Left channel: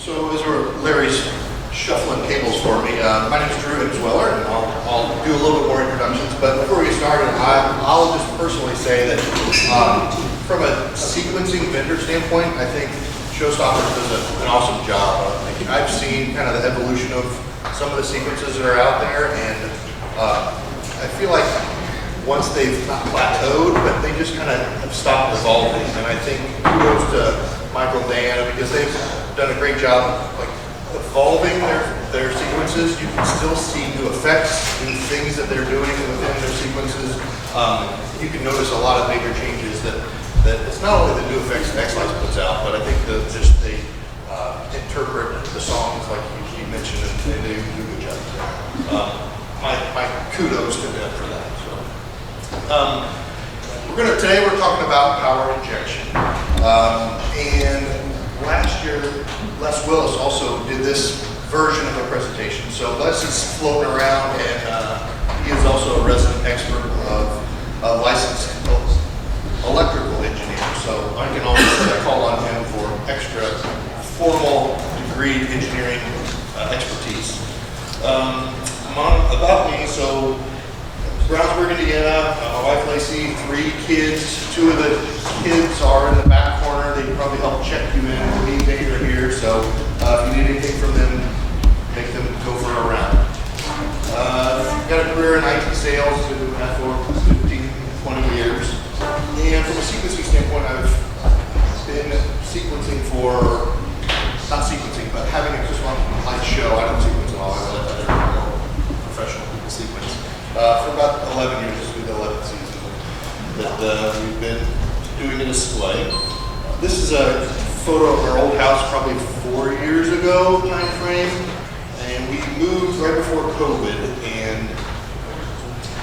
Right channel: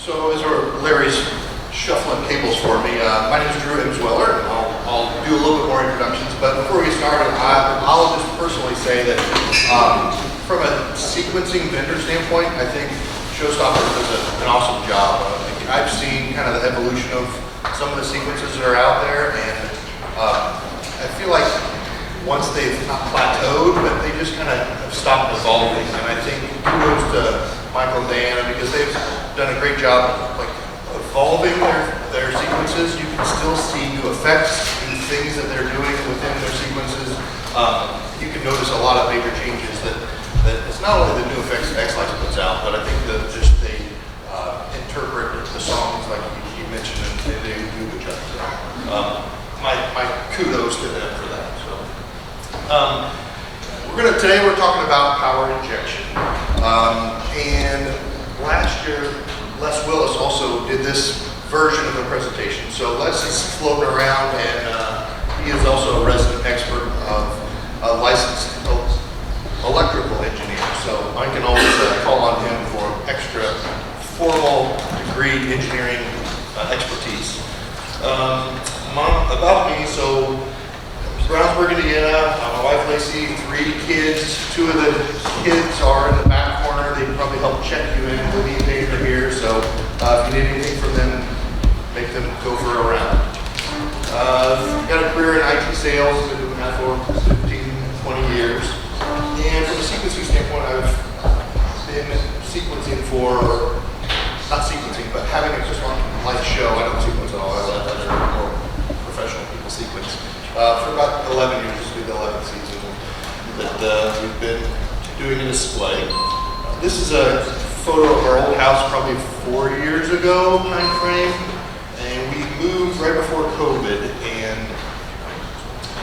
So as Larry's shuffling cables for me, my name is Emswiller, and I'll do a little bit more introductions. But before we get started, I'll just personally say that from a sequencing vendor standpoint, I think Showstopper does an awesome job. I've seen kind of the evolution of some of the sequences that are out there, and I feel like once they've not plateaued, but they just kind of have stopped evolving. And I think kudos to Michael and Diana, because they've done a great job of like evolving their sequences. You can still see new effects, new things that they're doing within their sequences. You can notice a lot of major changes that it's not only the new effects that X-Lights puts out, but I think they interpret the songs like you mentioned, and they do a good job. My kudos to them for that. So today we're talking about power injection, and last year Les Willis also did this version of a presentation. So Les is floating around, and he is also a resident expert of a licensed electrical engineer. So I can always call on him for extra formal degree engineering expertise. About me, so Brownsburg, Indiana. My wife Lacey, 3 kids. 2 of the kids are in the back corner. They can probably help check you in. The lead pager here. So if you need anything from them, make them go for a round. Got a career in IT sales. Been doing that for 15, 20 years. And from a sequencing standpoint, I've been sequencing for, not sequencing, but having a just one light show. I don't sequence at all. I let other more professional people sequence. For about 11 years, this will be the 11th season that we've been doing a display. This is a photo of our old house probably 4 years ago time frame, and we moved right before COVID, and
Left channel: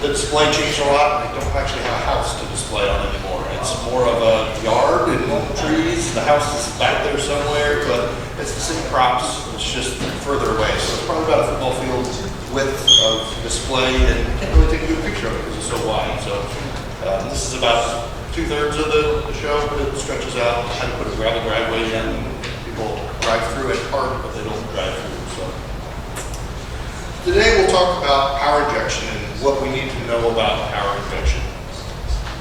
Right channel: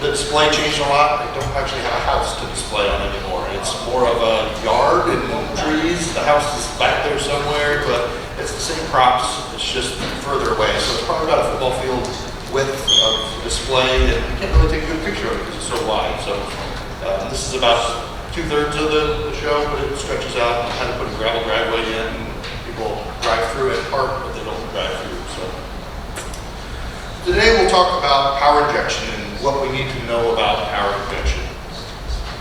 the display changed a lot. I don't actually have a house to display on anymore. It's more of a yard and trees. The house is back there somewhere, but it's the same props. It's just further away. So it's probably about a football field width of display, and you can't really take a good picture of it because it's so wide. So this is about 2/3 of the show, but it stretches out. You kind of put a gravel driveway in. People drive through it, park, but they don't drive through. So today we'll talk about power injection and what we need to know about power injection.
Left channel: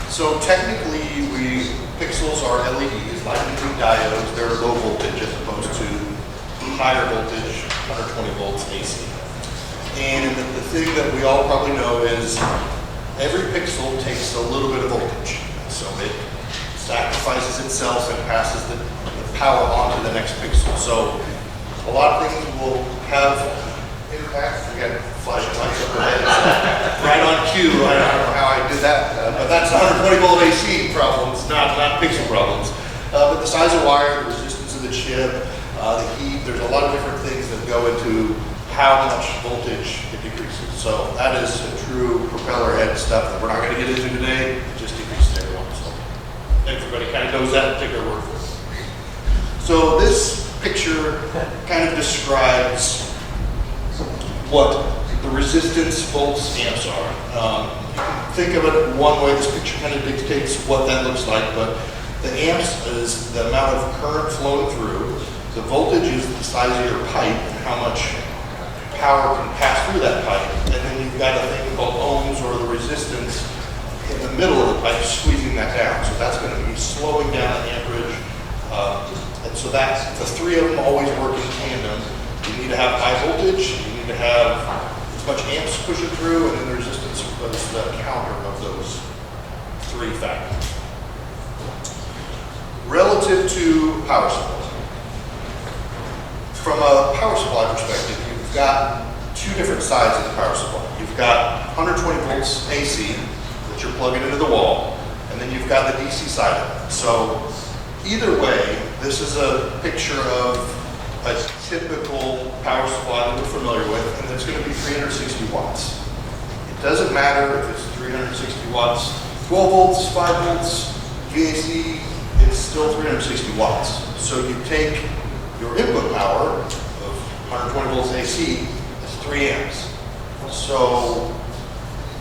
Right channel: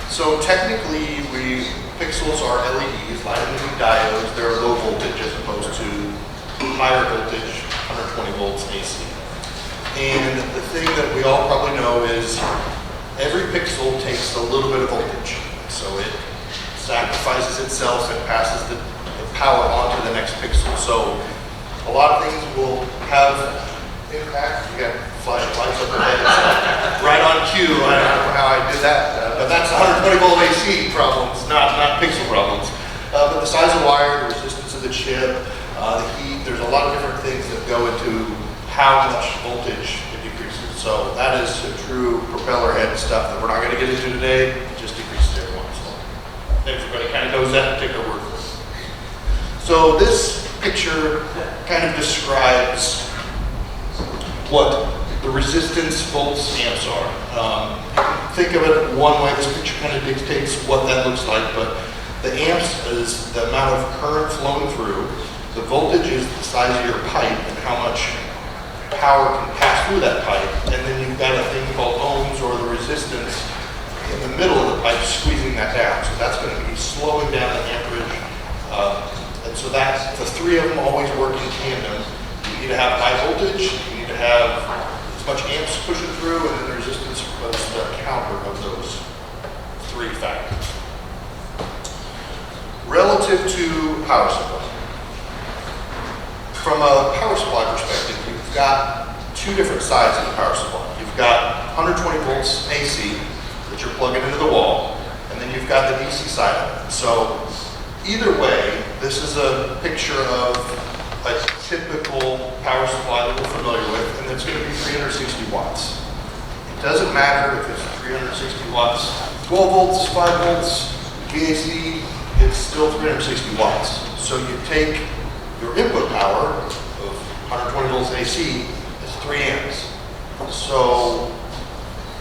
So technically, pixels are LEDs, light emitting diodes. They're low voltage as opposed to higher voltage, 120 volts AC. And the thing that we all probably know is every pixel takes a little bit of voltage. So it sacrifices itself and passes the power on to the next pixel. So a lot of things will have impact. We got flashing lights up ahead. Right on cue. I don't know how I did that, but that's 120 volt AC problems, not pixel problems. But the size of wire, the resistance of the chip, the heat, there's a lot of different things that go into how much voltage it decreases. So that is a true propeller head stuff that we're not going to get into today. It just decreases everyone. So everybody kind of knows that and take their word for it. So this picture kind of describes what the resistance volts amps are. Think of it one way. This picture kind of dictates what that looks like, but the amps is the amount of current flowing through. The voltage is the size of your pipe and how much power can pass through that pipe, and then you've got a thing called ohms, or the resistance in the middle of the pipe squeezing that down. So that's going to be slowing down the amperage, and so that's the 3 of them always work in tandem. You need to have high voltage, you need to have as much amps pushing through, and then the resistance is the counter of those 3 factors. Relative to power supply. From a power supply perspective, you've got 2 different sides of the power supply. You've got 120 volts AC that you're plugging into the wall, and then you've got the DC side of it. So either way, this is a picture of a typical power supply that we're familiar with, and it's going to be 360 watts. It doesn't matter if it's 360 watts, 12 volts, 5 volts, AC, it's still 360 watts. So you take your input power of 120 volts AC is 3 amps. So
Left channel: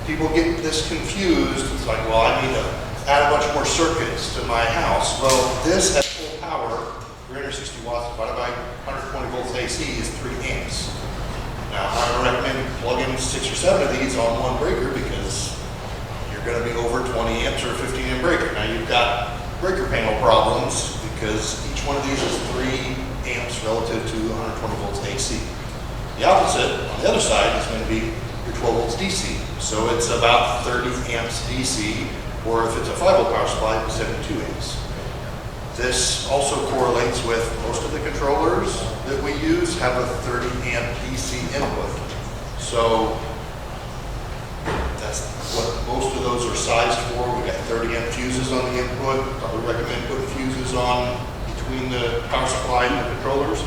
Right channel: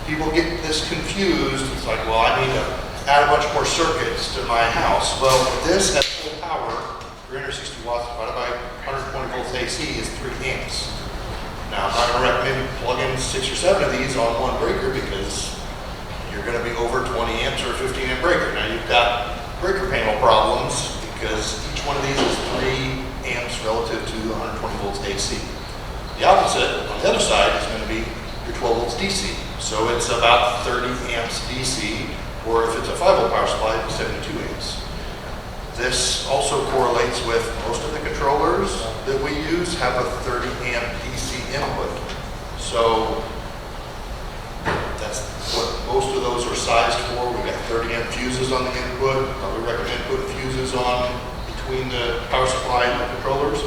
people get this confused. It's like, well, I need to add a bunch more circuits to my house. Well, this at full power, 360 watts divided by 120 AC is 3 amps. Now, I'm not going to recommend you plug in 6 or 7 of these on one breaker because you're going to be over 20 amps or a 15 amp breaker. Now, you've got breaker panel problems because each one of these is 3 amps relative to 120 volts AC. The opposite, on the other side, is going to be your 12 volts DC. So it's about 30 amps DC, or if it's a 5 volt power supply, 72 amps. This also correlates with most of the controllers that we use have a 30 amp DC input. So that's what most of those are sized for. We've got 30 amp fuses on the input. Probably recommend putting fuses on between the power supply and the controllers,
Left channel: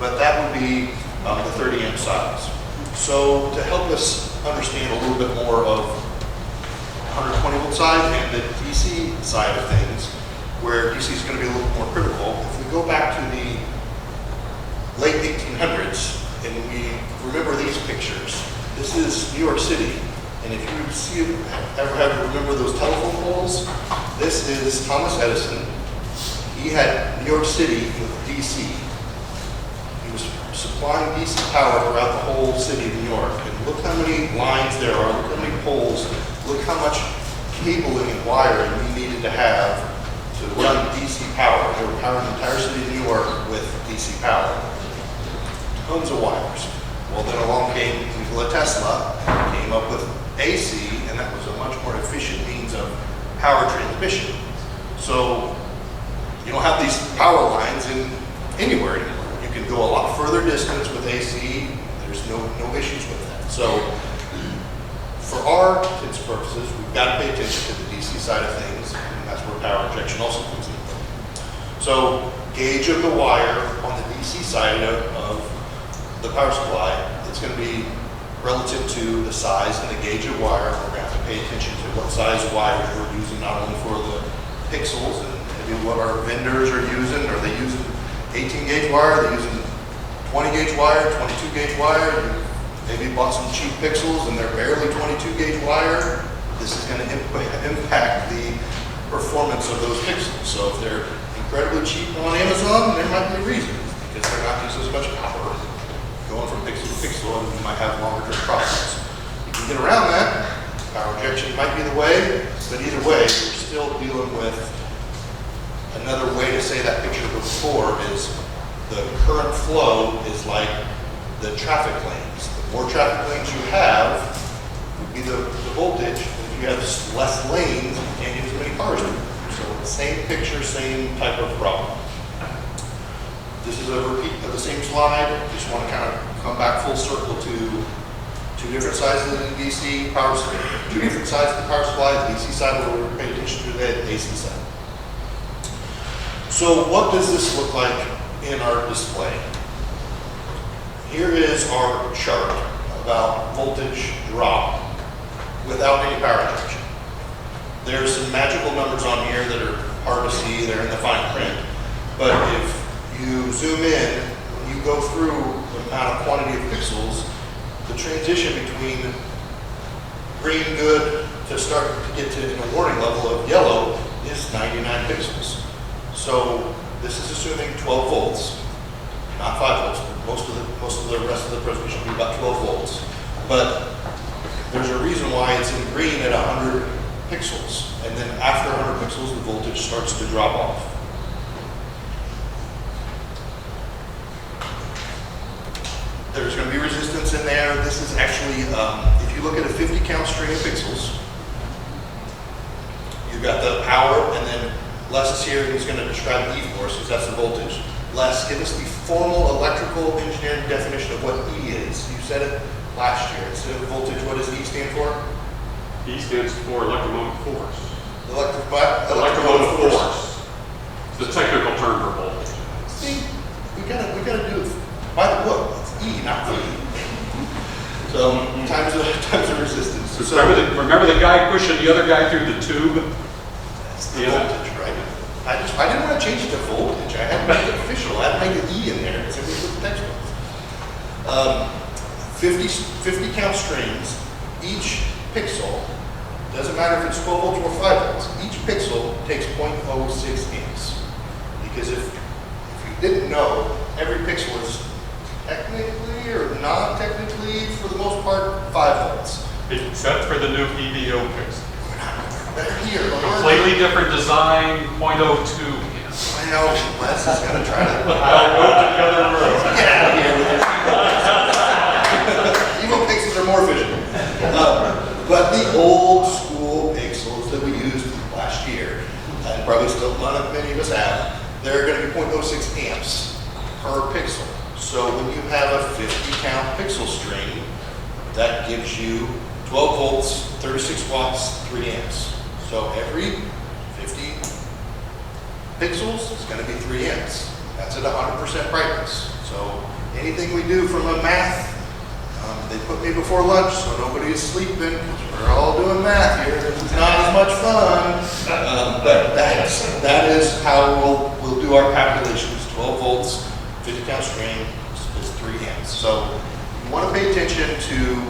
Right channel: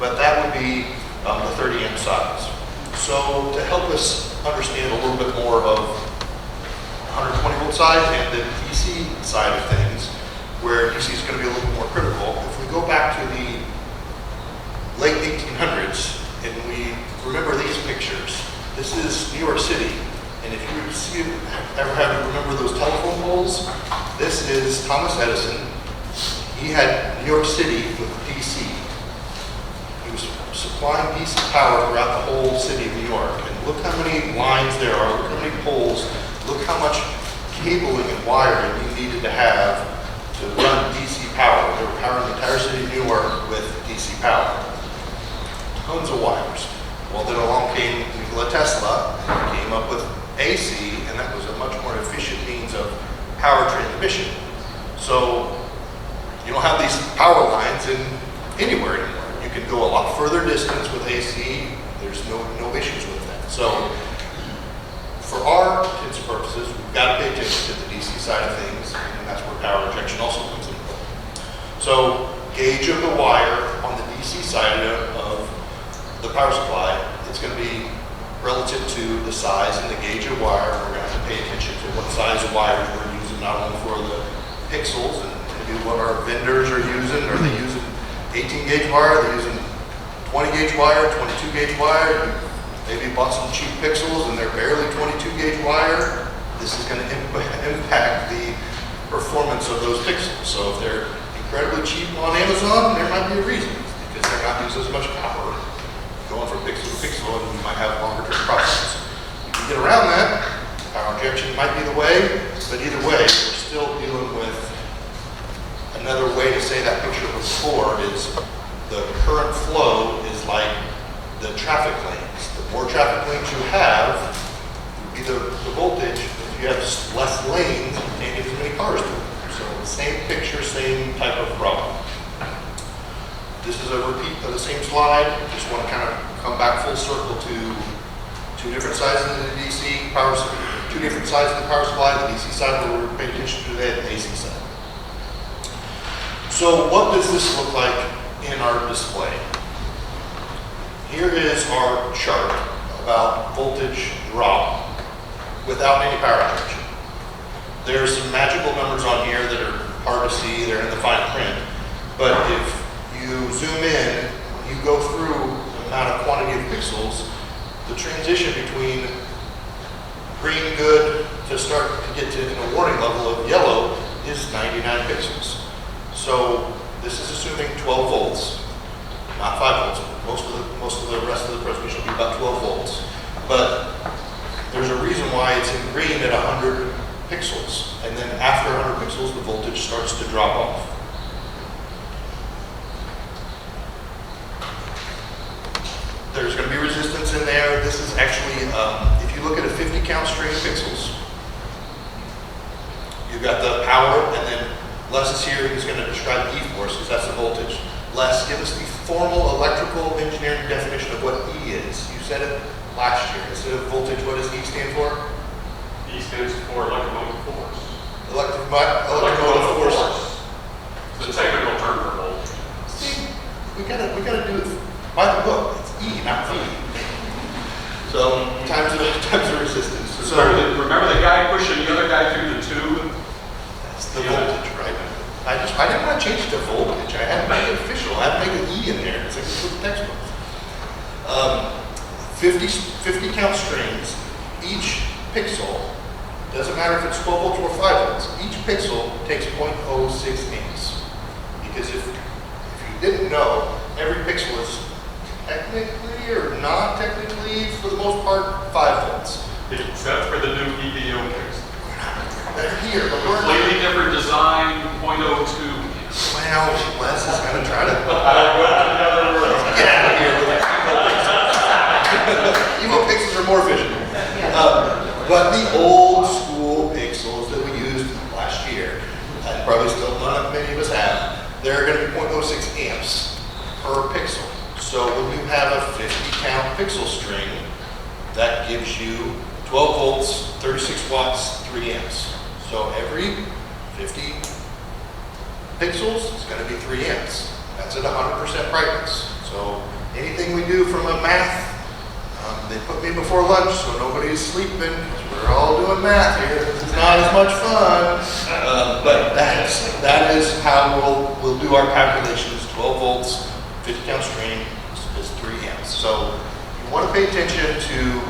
but that would be the 30 amp size. So to help us understand a little bit more of 120 volt side and the DC side of things, where DC is going to be a little more critical, if we go back to the late 1800s and we remember these pictures, this is New York City, and if you ever had to remember those telephone poles, this is Thomas Edison. He had New York City with DC. He was supplying DC power throughout the whole city of New York. And look how many lines there are, look how many poles, look how much cabling and wiring you needed to have to run DC power. They were powering the entire city of New York with DC power. Tons of wires. Well, then along came Nikola Tesla, came up with AC, and that was a much more efficient means of power transmission. So you don't have these power lines in anywhere anymore. You can go a lot further distance with AC. There's no issues with that. So for our intents purposes, we've got to pay attention to the DC side of things, and that's where power injection also comes into play. So gauge of the wire on the DC side of the power supply, it's going to be relative to the size and the gauge of wire. We're going to have to pay attention to what size of wires we're using, not only for the pixels and maybe what our vendors are using. Are they using 18 gauge wire? Are they using 20 gauge wire, 22 gauge wire? Maybe bought some cheap pixels and they're barely 22 gauge wire. This is going to impact the performance of those pixels. So if they're incredibly cheap on Amazon, there might be a reason, because they're not using as much power going from pixel to pixel, and you might have longer term processes. You can get around that. Power injection might be the way, but either way, we're still dealing with another way to say that picture before is the current flow is like the traffic lanes. The more traffic lanes you have, would be the voltage. If you have less lanes, you can't get too many cars through. So same picture, same type of problem. This is a repeat of the same slide. Just want to kind of come back full circle to two different sides of the DC power supply, two different sides of the power supply, the DC side where we're paying attention to today, and the AC side. So what does this look like in our display? Here is our chart about voltage drop without any power injection. There's some magical numbers on here that are hard to see. They're in the fine print. But if you zoom in, when you go through the amount of quantity of pixels, the transition between green good to start to get to in a warning level of yellow is 99 pixels. So this is assuming 12 volts, not 5 volts. Most of the rest of the presentation will be about 12 volts. But there's a reason why it's in green at 100 pixels. And then after 100 pixels, the voltage starts to drop off. There's going to be resistance in there. This is actually, if you look at a 50 count string of pixels, you've got the power, and then Les is here, he's going to describe E for us, because that's the voltage. Les, give us the formal electrical engineering definition of what E is. You said it last year. Instead of voltage, what does E stand for? E stands for electromotive force. Electromotive force. It's the technical term for voltage. See, we gotta do it by the book. It's E, not V. So times of resistance. So Remember the guy pushing the other guy through the tube? That's the voltage, right? I didn't want to change it to voltage. I had to make it official. I had to make an E in there. It's like with the textbook. 50 count strings. Each pixel, doesn't matter if it's 12 volts or 5 volts, each pixel takes 0.06 amps. Because if you didn't know, every pixel is most part, 5 volts. Except for the new EDO case. They're here, but we're Completely different design, .02. well, Les is gonna try to I'll go to the other room. get out of here with it. Evo pixels are more efficient. But the old school pixels that we used last year, and probably still many of us have, they're gonna be 0.06 amps per pixel. So when you have a 50 count pixel string, that gives you 12 volts, 36 watts, 3 amps. So every 50 pixels is going to be 3 amps. That's at 100% brightness. So anything we do from a math, they put me before lunch so nobody's sleeping because we're all doing math here. It's not as much fun, but that is how we'll do our calculations. 12 volts, 50 count string is 3 amps. So you want to pay attention to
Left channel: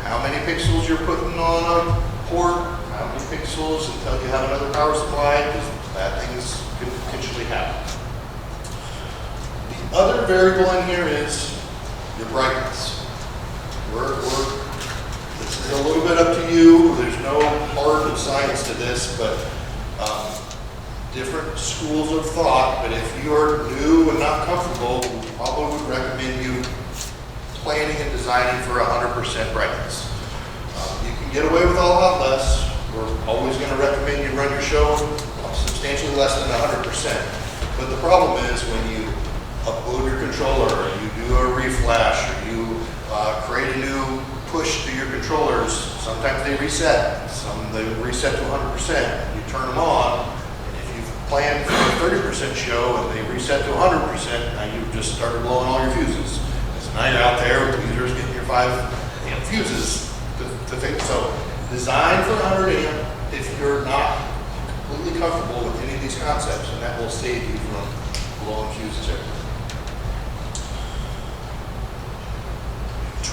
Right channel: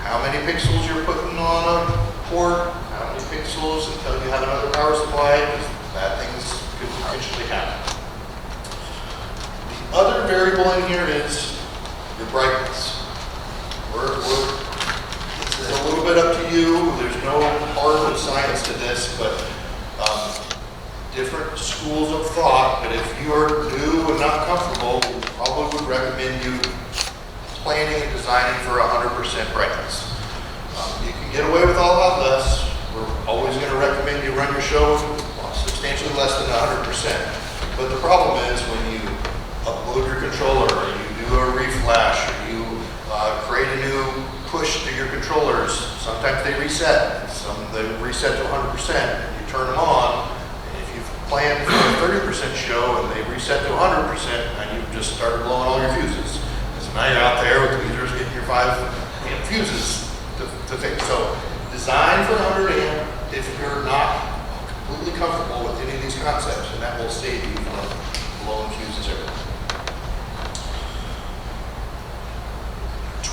how many pixels you're putting on a port, how many pixels until you have another power supply, because bad things could potentially happen. The other variable in here is your brightness. It's a little bit up to you. There's no hard science to this, but different schools of thought. But if you're new and not comfortable, we probably would recommend you planning and designing for 100% brightness. You can get away with a lot less. We're always going to recommend you run your show substantially less than 100%. But the problem is when you upload your controller, or you do a reflash, or you create a new push to your controllers, sometimes they reset. They reset to 100%. You turn them on, and if you've planned for a 30% show and they reset to 100%, and you've just started blowing all your fuses. So now you're out there with the users getting your 5 amp fuses to fix. So design for 100 amp if you're not completely comfortable with any of these concepts, and that will save you from blowing fuses everywhere.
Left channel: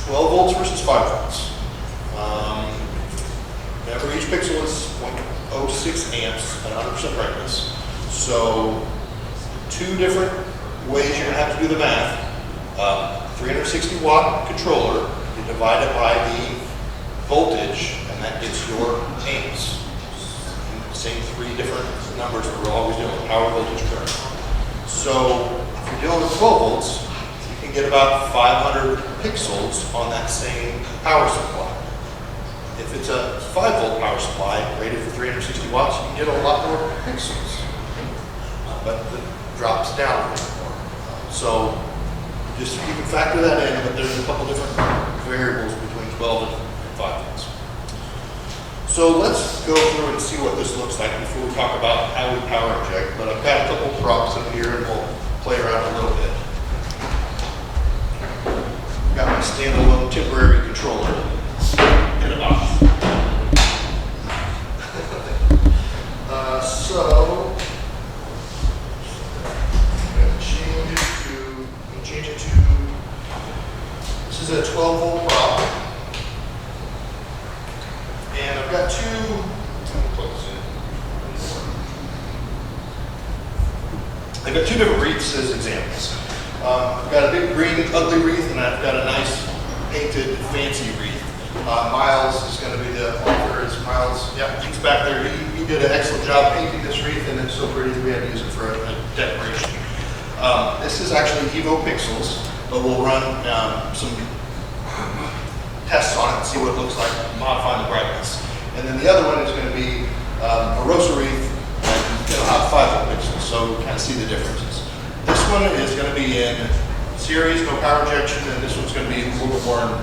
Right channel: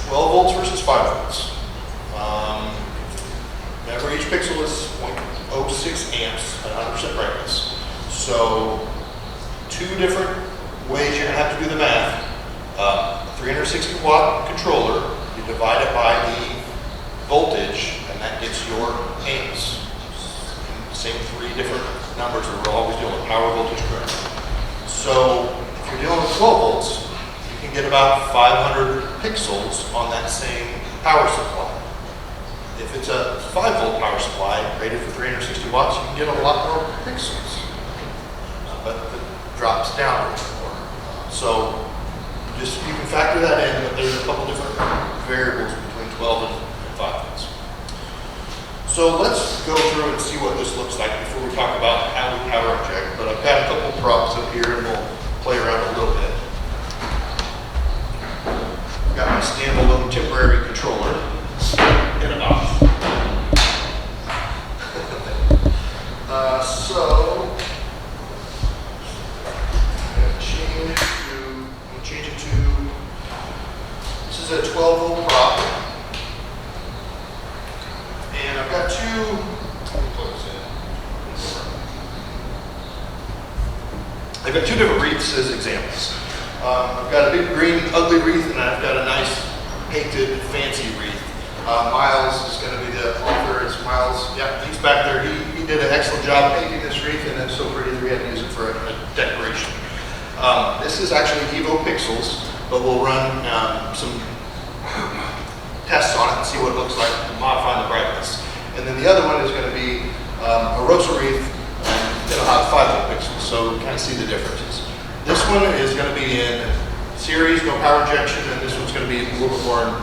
12 volts versus 5 volts. Remember, each pixel is 0.06 amps at 100% brightness. So 2 different ways you're going to have to do the math. 360 watt controller, you divide it by the voltage, and that gets your amps. And the same 3 different numbers that we're always doing, power, voltage, current. So if you're dealing with 12 volts, you can get about 500 pixels on that same power supply. If it's a 5 volt power supply rated for 360 watts, you can get a lot more pixels, but it drops down a little more. So you can factor that in, but there's a couple different variables between 12 and 5 volts. So let's go through and see what this looks like before we talk about how we power inject. But I've got a couple props up here and we'll play around a little bit. I've got my standalone temporary controller in a box. So I'm going to change it to, this is a 12 volt prop. And I've got 2, let me plug this in. I've got 2 different wreaths as examples. I've got a big green ugly wreath and I've got a nice painted fancy wreath. Miles is going to be the author. It's Miles, yeah, he's back there. He did an excellent job painting this wreath and it's so pretty that we had to use it for a decoration. This is actually Evo Pixels, but we'll run some tests on it and see what it looks like, modifying the brightness. And then the other one is going to be a Rosa wreath, and it'll have 5 volt pixels, so we kind of see the differences. This one is going to be in series, no power injection, and this one's going to be a little bit more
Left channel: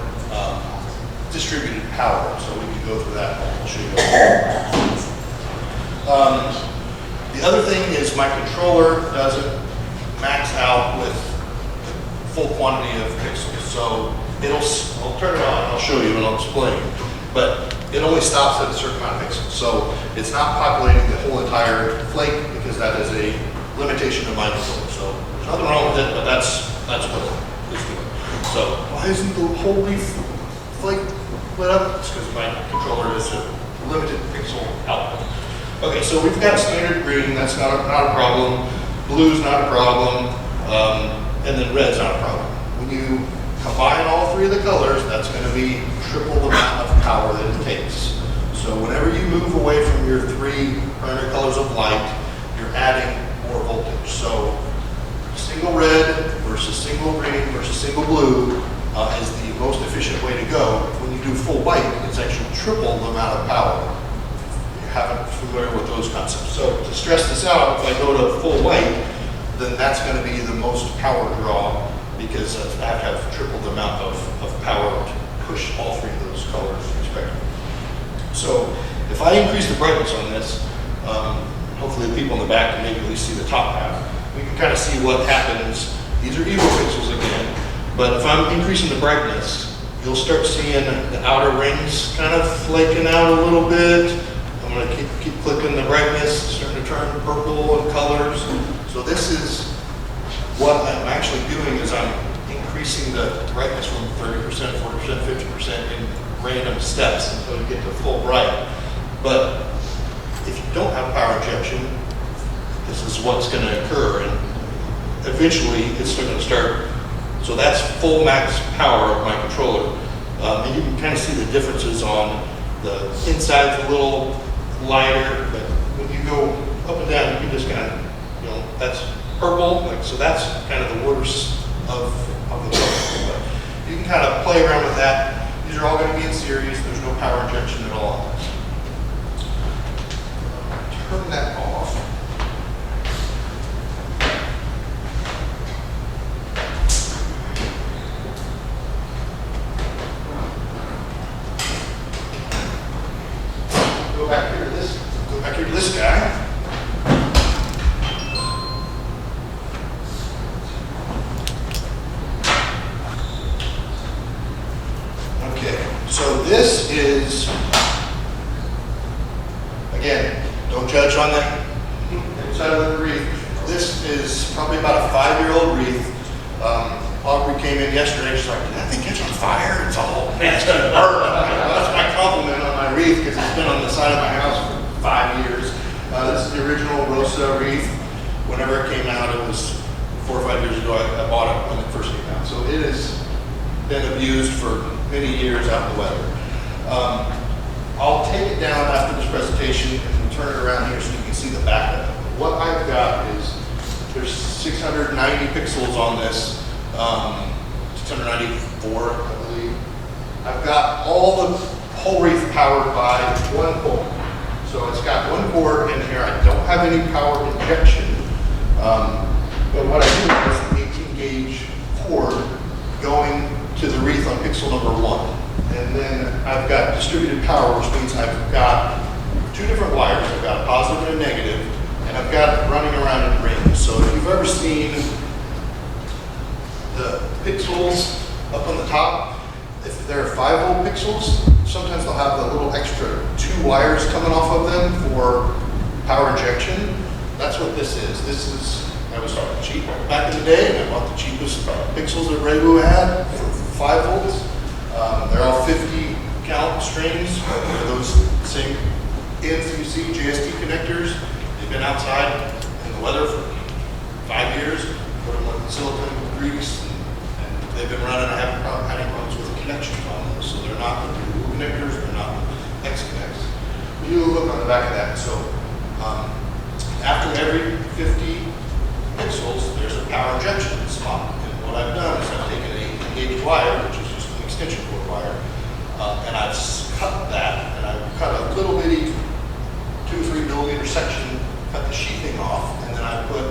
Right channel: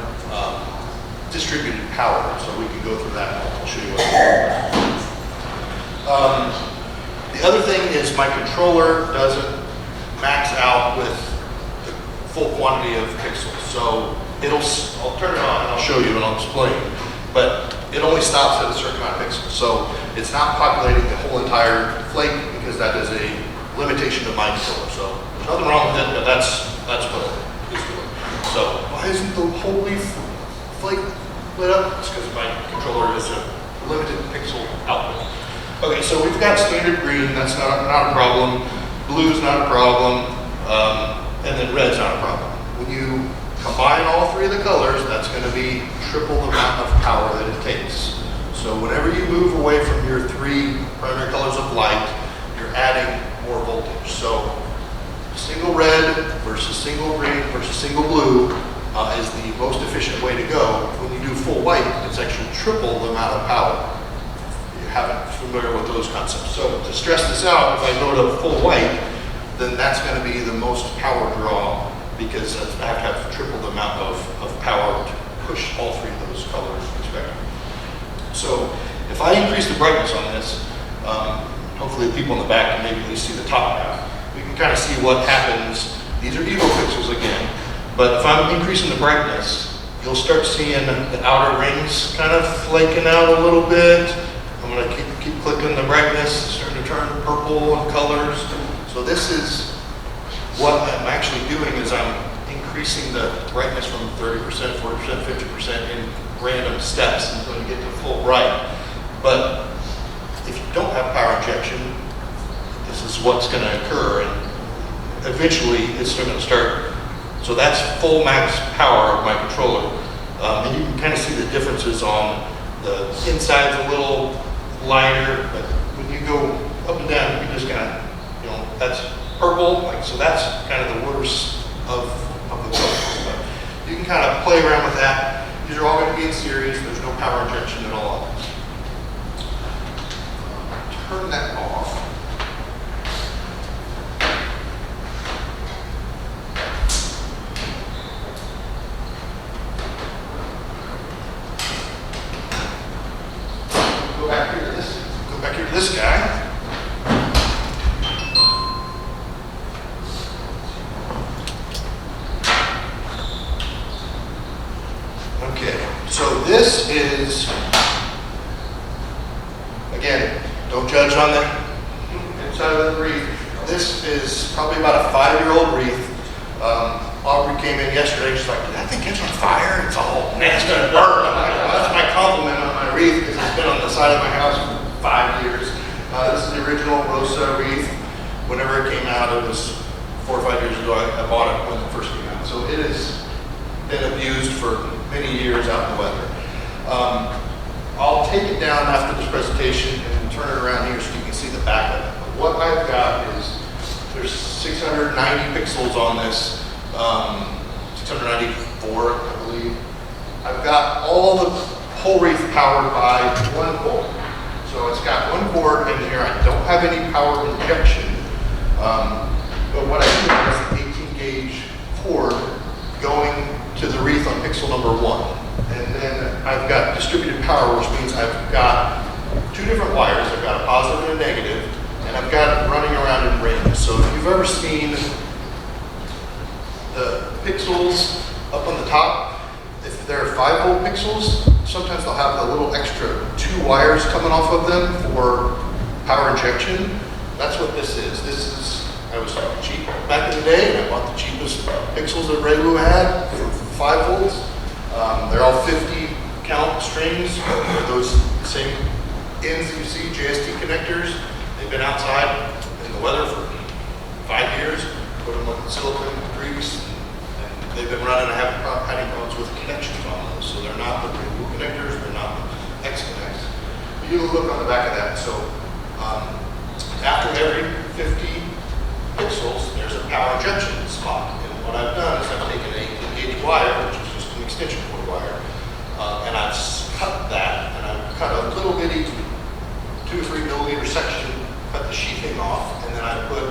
distributed power, so we can go through that and I'll show you what the other thing is my controller doesn't max out with the full quantity of pixels. So I'll turn it on and I'll show you and I'll explain, but it only stops at a certain amount of pixels. So it's not populating the whole entire flake because that is a limitation of my controller. So there's nothing wrong with it, but that's what it's doing. So why isn't the whole leaf flake lit up? It's because my controller is a limited pixel output. Okay, so we've got standard green, that's not a problem. Blue's not a problem, and then red's not a problem. When you Combine all three of the colors, that's going to be triple the amount of power that it takes. So whenever you move away from your three primary colors of light, you're adding more voltage. So single red versus single green versus single blue is the most efficient way to go. When you do full white, it's actually triple the amount of power. If you haven't familiar with those concepts. So to stress this out, if I go to full white, then that's going to be the most power draw, because I have to have triple the amount of power to push all three of those colors respectively. So if I increase the brightness on this, hopefully the people in the back can maybe at least see the top half. We can kind of see what happens. These are evo pixels again, but if I'm increasing the brightness, you'll start seeing the outer rings kind of flaking out a little bit. I'm going to keep clicking the brightness, starting to turn purple in colors. So this is what I'm actually doing, is I'm increasing the brightness from 30%, 40%, 50% in random steps until you get to full bright. But if you don't have power injection, this is what's going to occur, and eventually it's going to start. So that's full max power of my controller. And you can kind of see the differences on the inside's a little lighter, but when you go up and down, you can just kind of, that's purple, so that's kind of the worst of the color. But you can kind of play around with that. These are all going to be in series. There's no power injection at all. Turn that off. Go back here to this guy. Okay, so this is, again, don't judge on the inside of the wreath. This is probably about a 5-year-old wreath. Aubrey came in yesterday, she's like, did that thing catch on fire? It's all nasty and burnt. That's my compliment on my wreath, because it's been on the side of my house for 5 years. This is the original Rosa wreath. Whenever it came out, it was 4 or 5 years ago, I bought it when it first came out. So it has been abused for many years out in the weather. I'll take it down after this presentation and turn it around here so you can see the back of it. But what I've got is, there's 690 pixels on this, 694, I believe. I've got all the whole wreath powered by one pole. So it's got one cord in here. I don't have any power injection. But what I do is an 18 gauge cord going to the wreath on pixel number 1. And then I've got distributed power, which means I've got 2 different wires. I've got a positive and a negative, and I've got it running around in rings. So if you've ever seen the pixels up on the top, if they're 5-volt pixels, sometimes they'll have the little extra 2 wires coming off of them for power injection. That's what this is. I was cheap back in the day, and I bought the cheapest pixels that Regu had for 5 volts. They're all 50 count strings. They're those same ends you see, JST connectors. They've been outside in the weather for 5 years. Put them with silicone grease, and they've been running. I haven't had any problems with the connections on them. So they're not the blue connectors, they're not the X connects. But you look on the back of that. So after every 50 pixels, there's a power injection spot. And what I've done is I've taken an 18 gauge wire, which is just an extension cord wire, and I've cut that, and I've cut a little bitty 2 or 3 millimeter section, cut the sheathing off, and then I put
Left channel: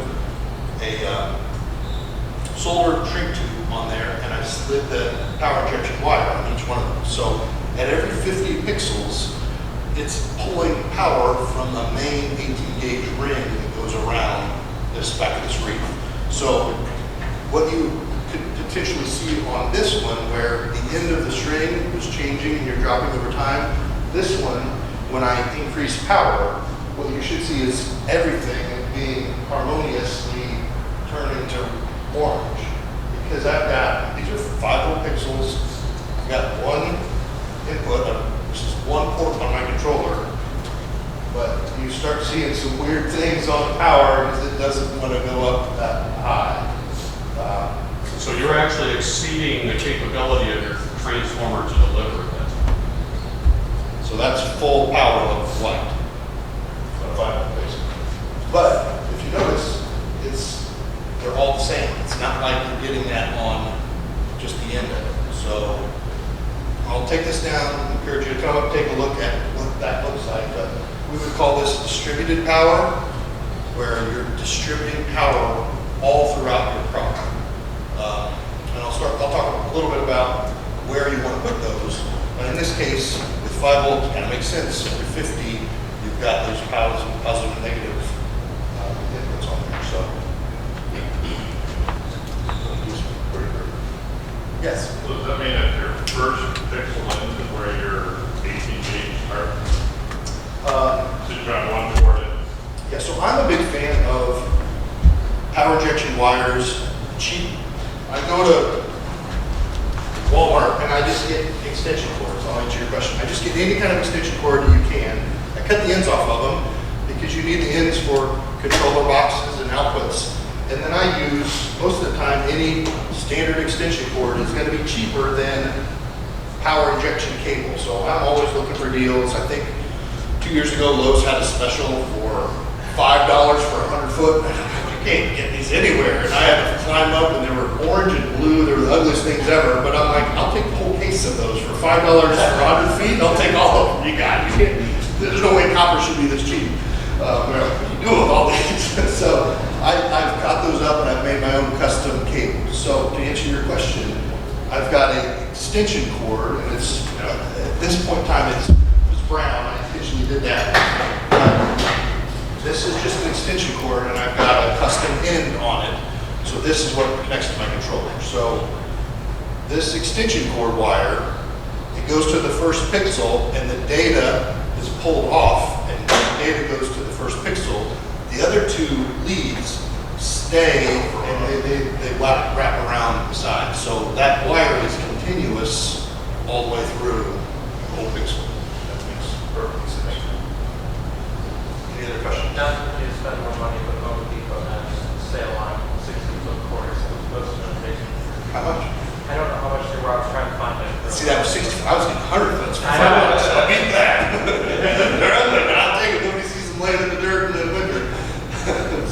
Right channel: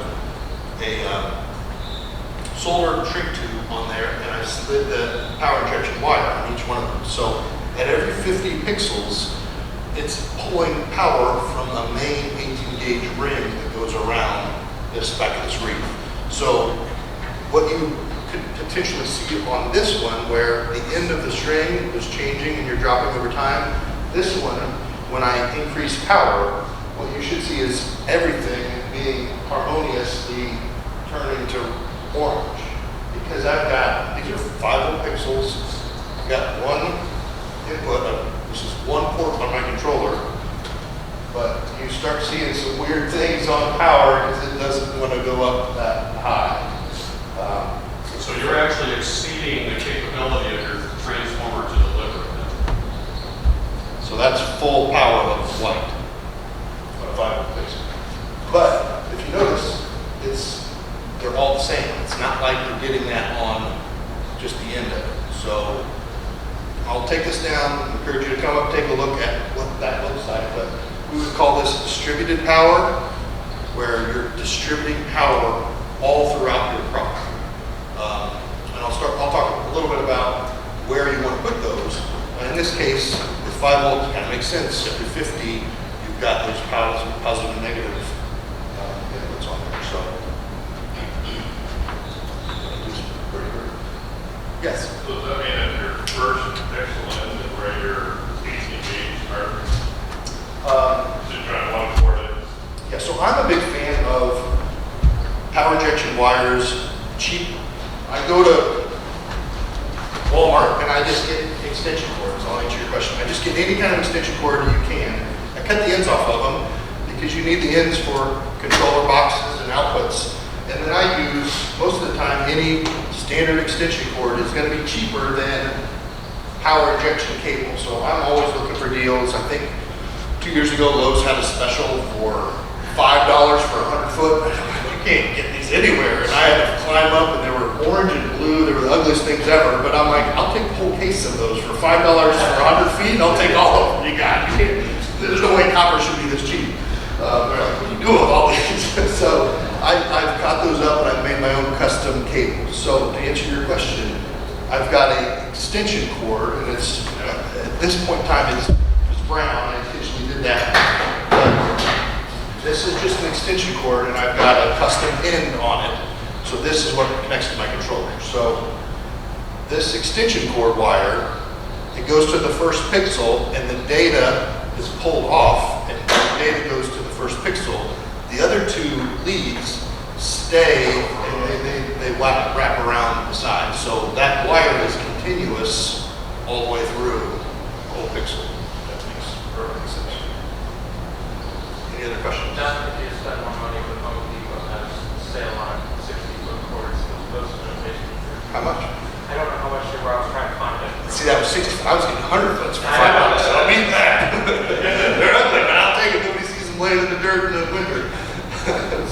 a solar shrink tube on there, and I slid the power injection wire on each one of them. So at every 50 pixels, it's pulling power from the main 18 gauge ring that goes around this back of this wreath. So what you could potentially see on this one, where the end of the string is changing and you're dropping over time, this one, when I increase power, what you should see is everything being harmoniously turning to orange. Because I've got, these are 5-volt pixels, I've got one input, this is one port on my controller, but you start seeing some weird things on power because it doesn't want to go up that high. So you're actually exceeding the capability of your transformer to deliver it then. So that's full power of light. 5 volt basically. But if you notice, they're all the same. It's not like you're getting that on just the end of it. So I'll take this down, encourage you to come up, take a look at what that looks like. But we would call this distributed power, where you're distributing power all throughout your property. And I'll talk a little bit about where you want to put those. In this case, with 5 volts, it kind of makes sense. Every 50, you've got those positive and negative inputs on there. So, yes. So does that mean that your first pixel in is where your AC gauge are? So you're trying to 1 port it? Yeah, so I'm a big fan of power injection wires, cheap. I go to Walmart and I just get extension cords. I'll answer your question. I just get any kind of extension cord you can. I cut the ends off of them because you need the ends for controller boxes and outputs. And then I use, most of the time, any standard extension cord is going to be cheaper than power injection cable. So I'm always looking for deals. I think 2 years ago, Lowe's had a special for $5 for 100 foot. You can't get these anywhere. And I had to climb up, and they were orange and blue. They were the ugliest things ever. But I'm like, I'll take the whole case of those for $5 for 100 feet. I'll take all of them. You can't. There's no way copper should be this cheap. What do you do with all these? So I've got those up, and I've made my own custom cables. So to answer your question, I've got an extension cord, and it's at this point in time it's brown. I intentionally did that. But this is just an extension cord, and I've got a custom end on it. So this is what connects to my controller. So this extension cord wire, it goes to the first pixel, and the data is pulled off, and the data goes to the first pixel. The other 2 leads stay, and they wrap around the side. So that wire is continuous all the way through the whole pixel. That makes perfect sense. Any other questions? Not if you spend more money with Home Depot has sale on 60-foot cords as opposed to limitation. How much? I don't know how much they were. I was trying to find it. See, that was 60. I was getting 100 foots for $5. I know. I'll beat that. They're ugly, but I'll take it. Nobody sees them laying in the dirt in the winter.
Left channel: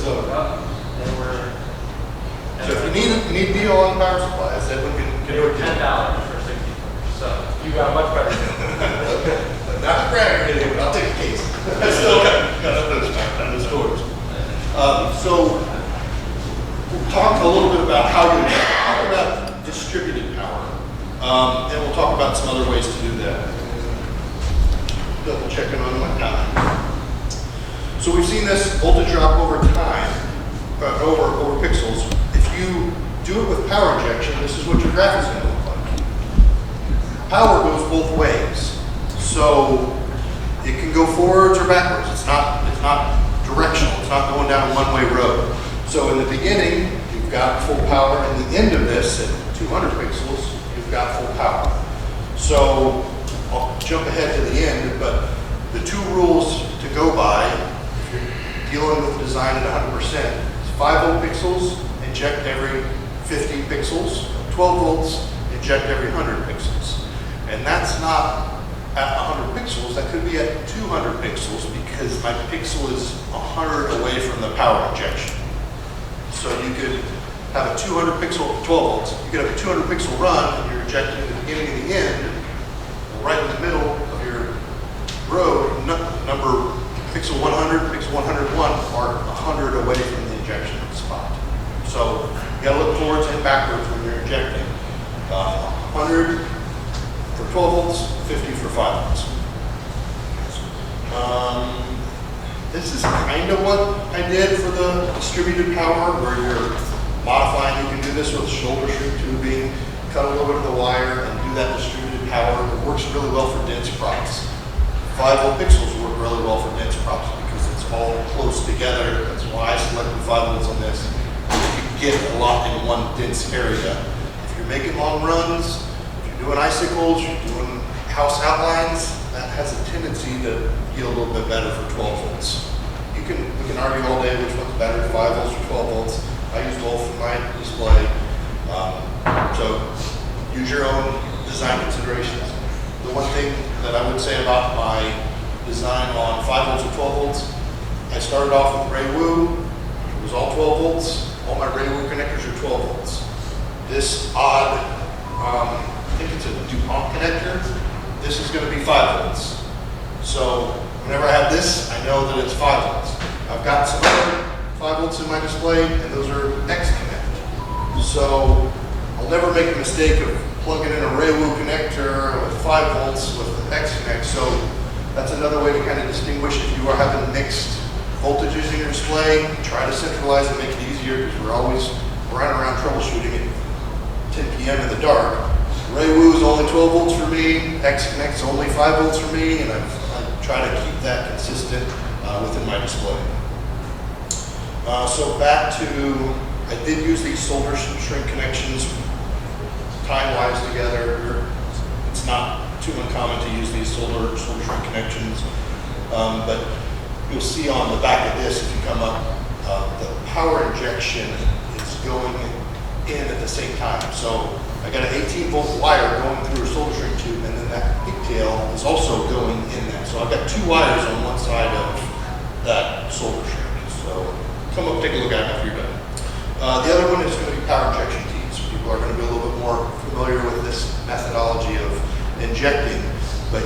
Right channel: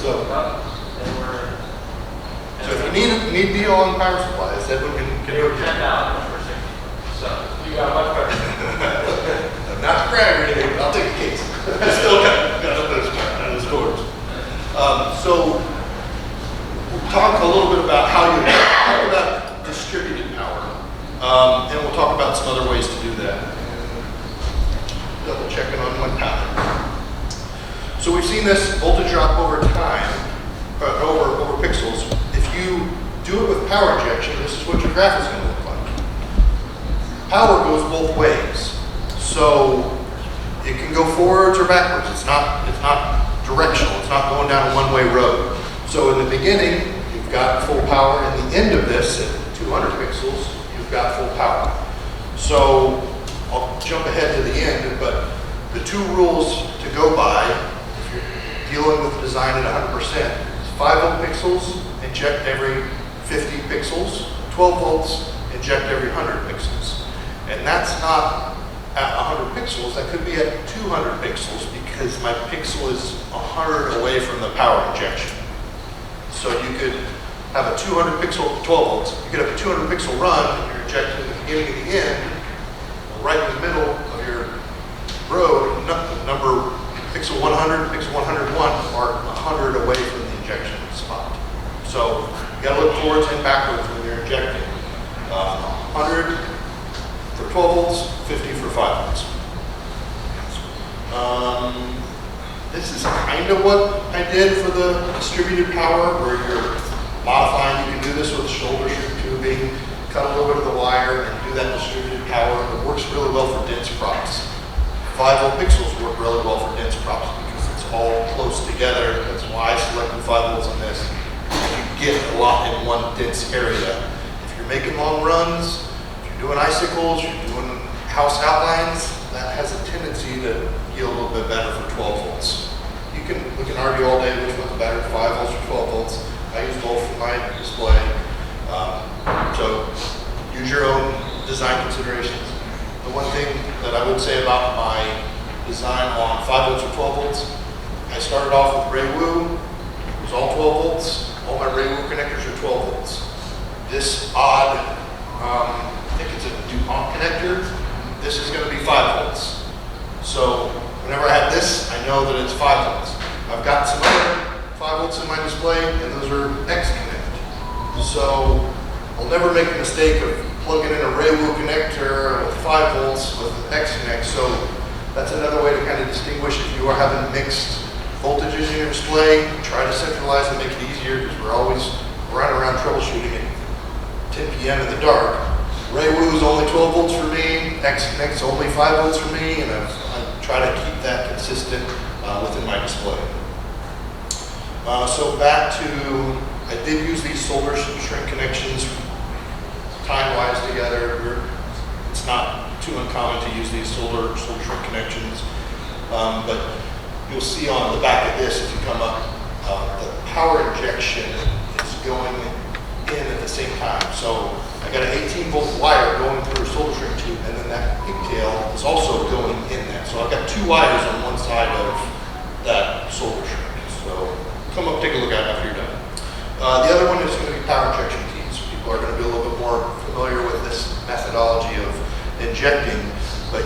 So They were. if you need a deal on power supplies, that one can They were work. $10 for 60 foot. So you got much better. I'm not bragging or anything, but I'll take a case. I still got those in the stores. So we'll talk a little bit about how you talk about distributed power, and we'll talk about some other ways to do that. Double checking on my time. So we've seen this voltage drop over time, over pixels. If you do it with power injection, this is what your graph is going to look like. Power goes both ways. So it can go forwards or backwards. It's not directional. It's not going down a one-way road. So in the beginning, you've got full power. In the end of this, at 200 pixels, you've got full power. So I'll jump ahead to the end, but the 2 rules to go by, if you're dealing with design at 100%, is 5 volt pixels, inject every 50 pixels, 12 volts, inject every 100 pixels. And that's not at 100 pixels, that could be at 200 pixels because my pixel is 100 away from the power injection. So you could have a 200 pixel, 12 volts, you could have a 200 pixel run and you're injecting at the beginning and the end, right in the middle of your road, number pixel 100, pixel 101 are 100 away from the injection spot. So you gotta look forwards and backwards when you're injecting. 100 for 12 volts, 50 for 5 volts. This is kind of what I did for the distributed power, where you're modifying. You can do this with shoulder shrink tubing, cut a little bit of the wire, and do that distributed power. It works really well for dense props. 5 volt pixels work really well for dense props because it's all close together. That's why I selected 5 volts on this. You get a lot in one dense area. If you're making long runs, if you're doing icicles, you're doing house outlines, that has a tendency to yield a little bit better for 12 volts. We can argue all day which one's better, 5 volts or 12 volts. I use both for my display. So use your own design considerations. The one thing that I would say about my design on 5 volts or 12 volts, I started off with Ray Wu. It was all 12 volts. All my Ray Wu connectors are 12 volts. This odd, I think it's a DuPont connector. This is going to be 5 volts. So whenever I have this, I know that it's 5 volts. I've got some other 5 volts in my display, and those are X connect. So I'll never make the mistake of plugging in a Ray Wu connector with 5 volts with X connect. So that's another way to kind of distinguish if you are having mixed voltages in your display. Try to centralize and make it easier, because we're always running around troubleshooting at 10 p.m. in the dark. Ray Wu is only 12 volts for me, X Connect's only 5 volts for me, and I try to keep that consistent within my display. So back to, I did use these solder shrink connections time-wise together. It's not too uncommon to use these solder shrink connections, but you'll see on the back of this, if you come up, the power injection is going in at the same time. So I got an 18-volt wire going through a solder shrink tube, and then that pigtail is also going in that. So I've got 2 wires on one side of that solder shrink. So come up, take a look at it after you're done. The other one is going to be power injection tees. People are going to be a little bit more familiar with this methodology of injecting, but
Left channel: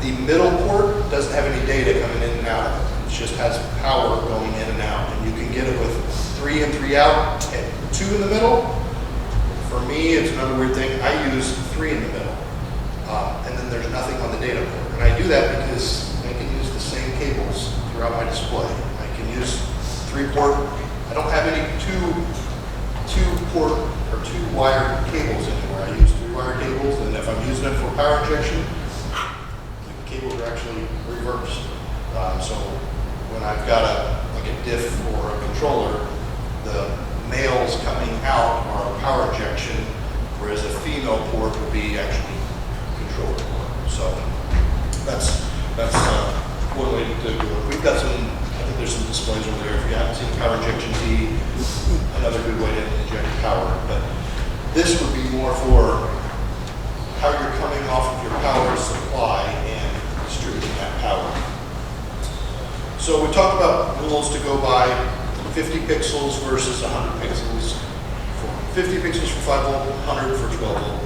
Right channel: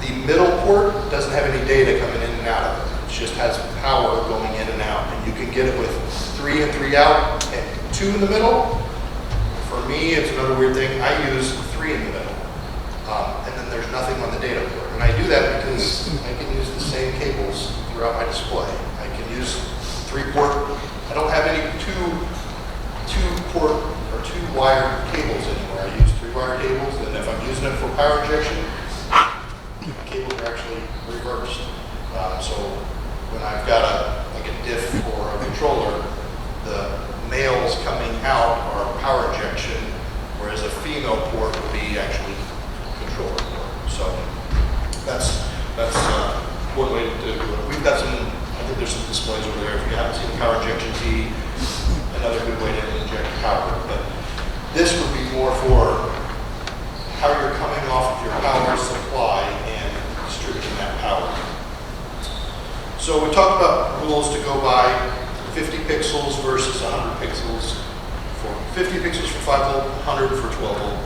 the middle port doesn't have any data coming in and out of it. It just has power going in and out, and you can get it with 3 in, 3 out, and 2 in the middle. For me, it's another weird thing. I use 3 in the middle, and then there's nothing on the data port. And I do that because I can use the same cables throughout my display. I can use 3-port. I don't have any 2-port or 2-wire cables anymore. I use 3-wire cables, and if I'm using it for power injection, the cables are actually reversed. So when I've got like a diff or a controller, the males coming out are power injection, whereas a female port would be actually controller port. So that's one way to do it. We've got some, I think there's some displays over there. If you haven't seen the power injection tee, another good way to inject power. But this would be more for how you're coming off of your power supply and distributing that power. So we talked about rules to go by: 50 pixels versus 100 pixels. For 50 pixels for 5 volt, 100 for 12 volt.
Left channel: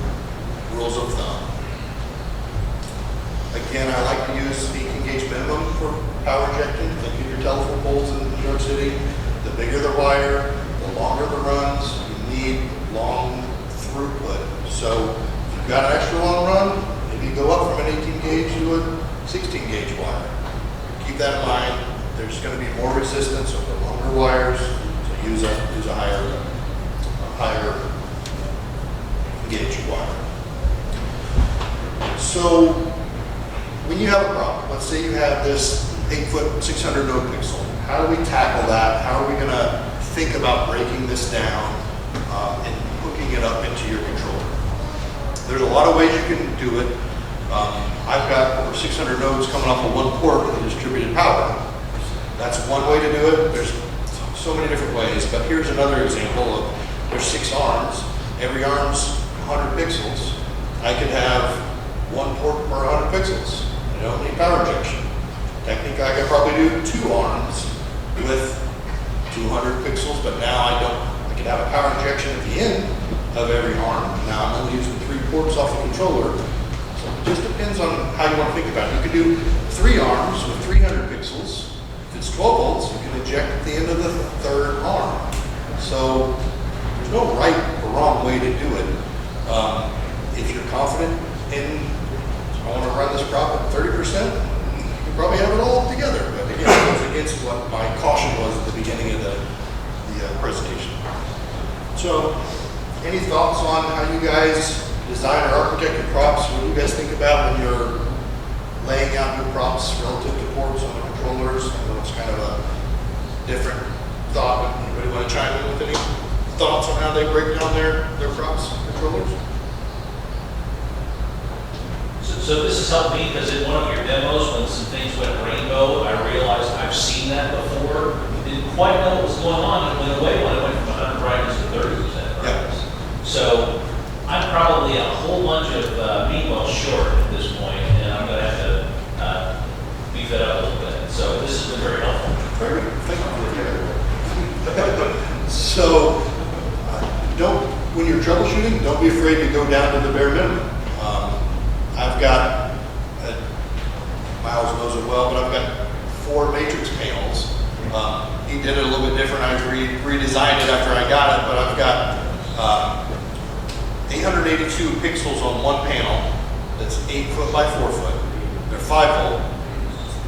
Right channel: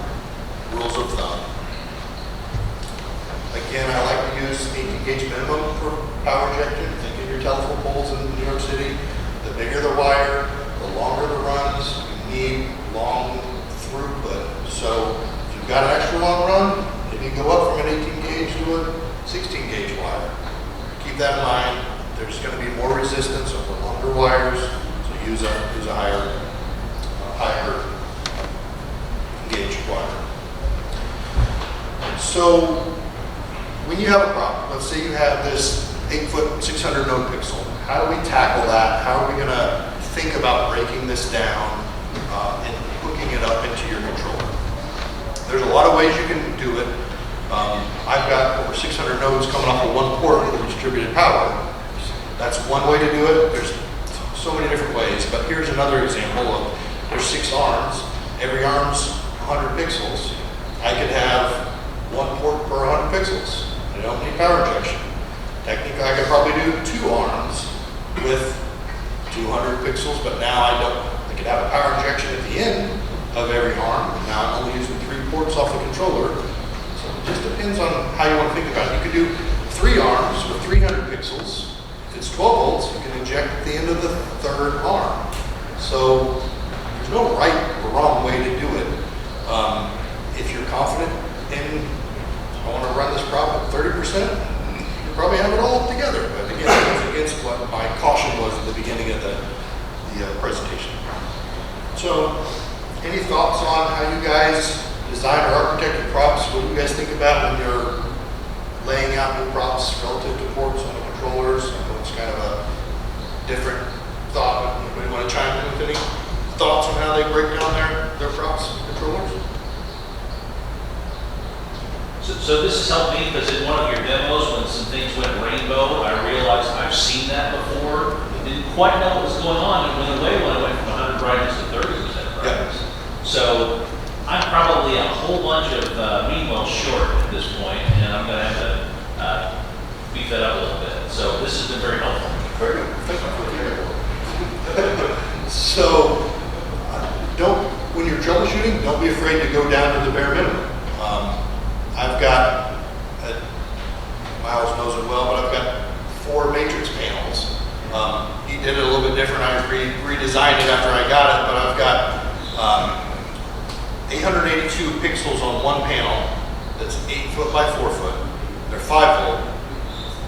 Rules of thumb. Again, I like to use 18 gauge minimum for power injecting. Think of your telephone poles in New York City. The bigger the wire, the longer the runs. You need long throughput. So if you've got an extra long run, maybe go up from an 18 gauge to a 16 gauge wire. Keep that in mind. There's going to be more resistance over longer wires, so use a higher gauge wire. So when you have a problem, let's say you have this 8-foot 600 node pixel. How do we tackle that? How are we going to think about breaking this down and hooking it up into your controller? There's a lot of ways you can do it. I've got over 600 nodes coming off of 1 port with distributed power. That's one way to do it. There's so many different ways, but here's another example of, there's 6 arms. Every arm's 100 pixels. I could have 1 port per 100 pixels. I don't need power injection. Technically, I could probably do 2 arms with 200 pixels, but now I don't. I could have a power injection at the end of every arm. Now I'm only using 3 ports off the controller. So it just depends on how you want to think about it. You could do 3 arms with 300 pixels. If it's 12 volts, you can inject at the end of the 3rd arm. So there's no right or wrong way to do it. If you're confident in, I want to run this prop at 30%, you probably have it all together. But again, it goes against what my caution was at the beginning of the presentation. So any thoughts on how you guys design or architect your props? What do you guys think about when you're laying out your props relative to ports on the controllers? I know it's kind of a different thought. Anybody want to chime in with any thoughts on how they break down their props controllers? So this has helped me because in one of your demos, when some things went rainbow, I realized I've seen that before. Didn't quite know what was going on, and it went away when I went from 100 brightness to 30 So I'm probably a whole bunch of meanwhile short at this point, and I'm gonna have to beef that up a little bit. So this has been very helpful. Very good. Thank you for the So, when you're troubleshooting, don't be afraid to go down to the bare minimum. I've got, Miles knows it well, but I've got 4 matrix panels. He did it a little bit different. I redesigned it after I got it, but I've got 882 pixels on one panel that's 8 foot by 4 foot. They're 5 volt.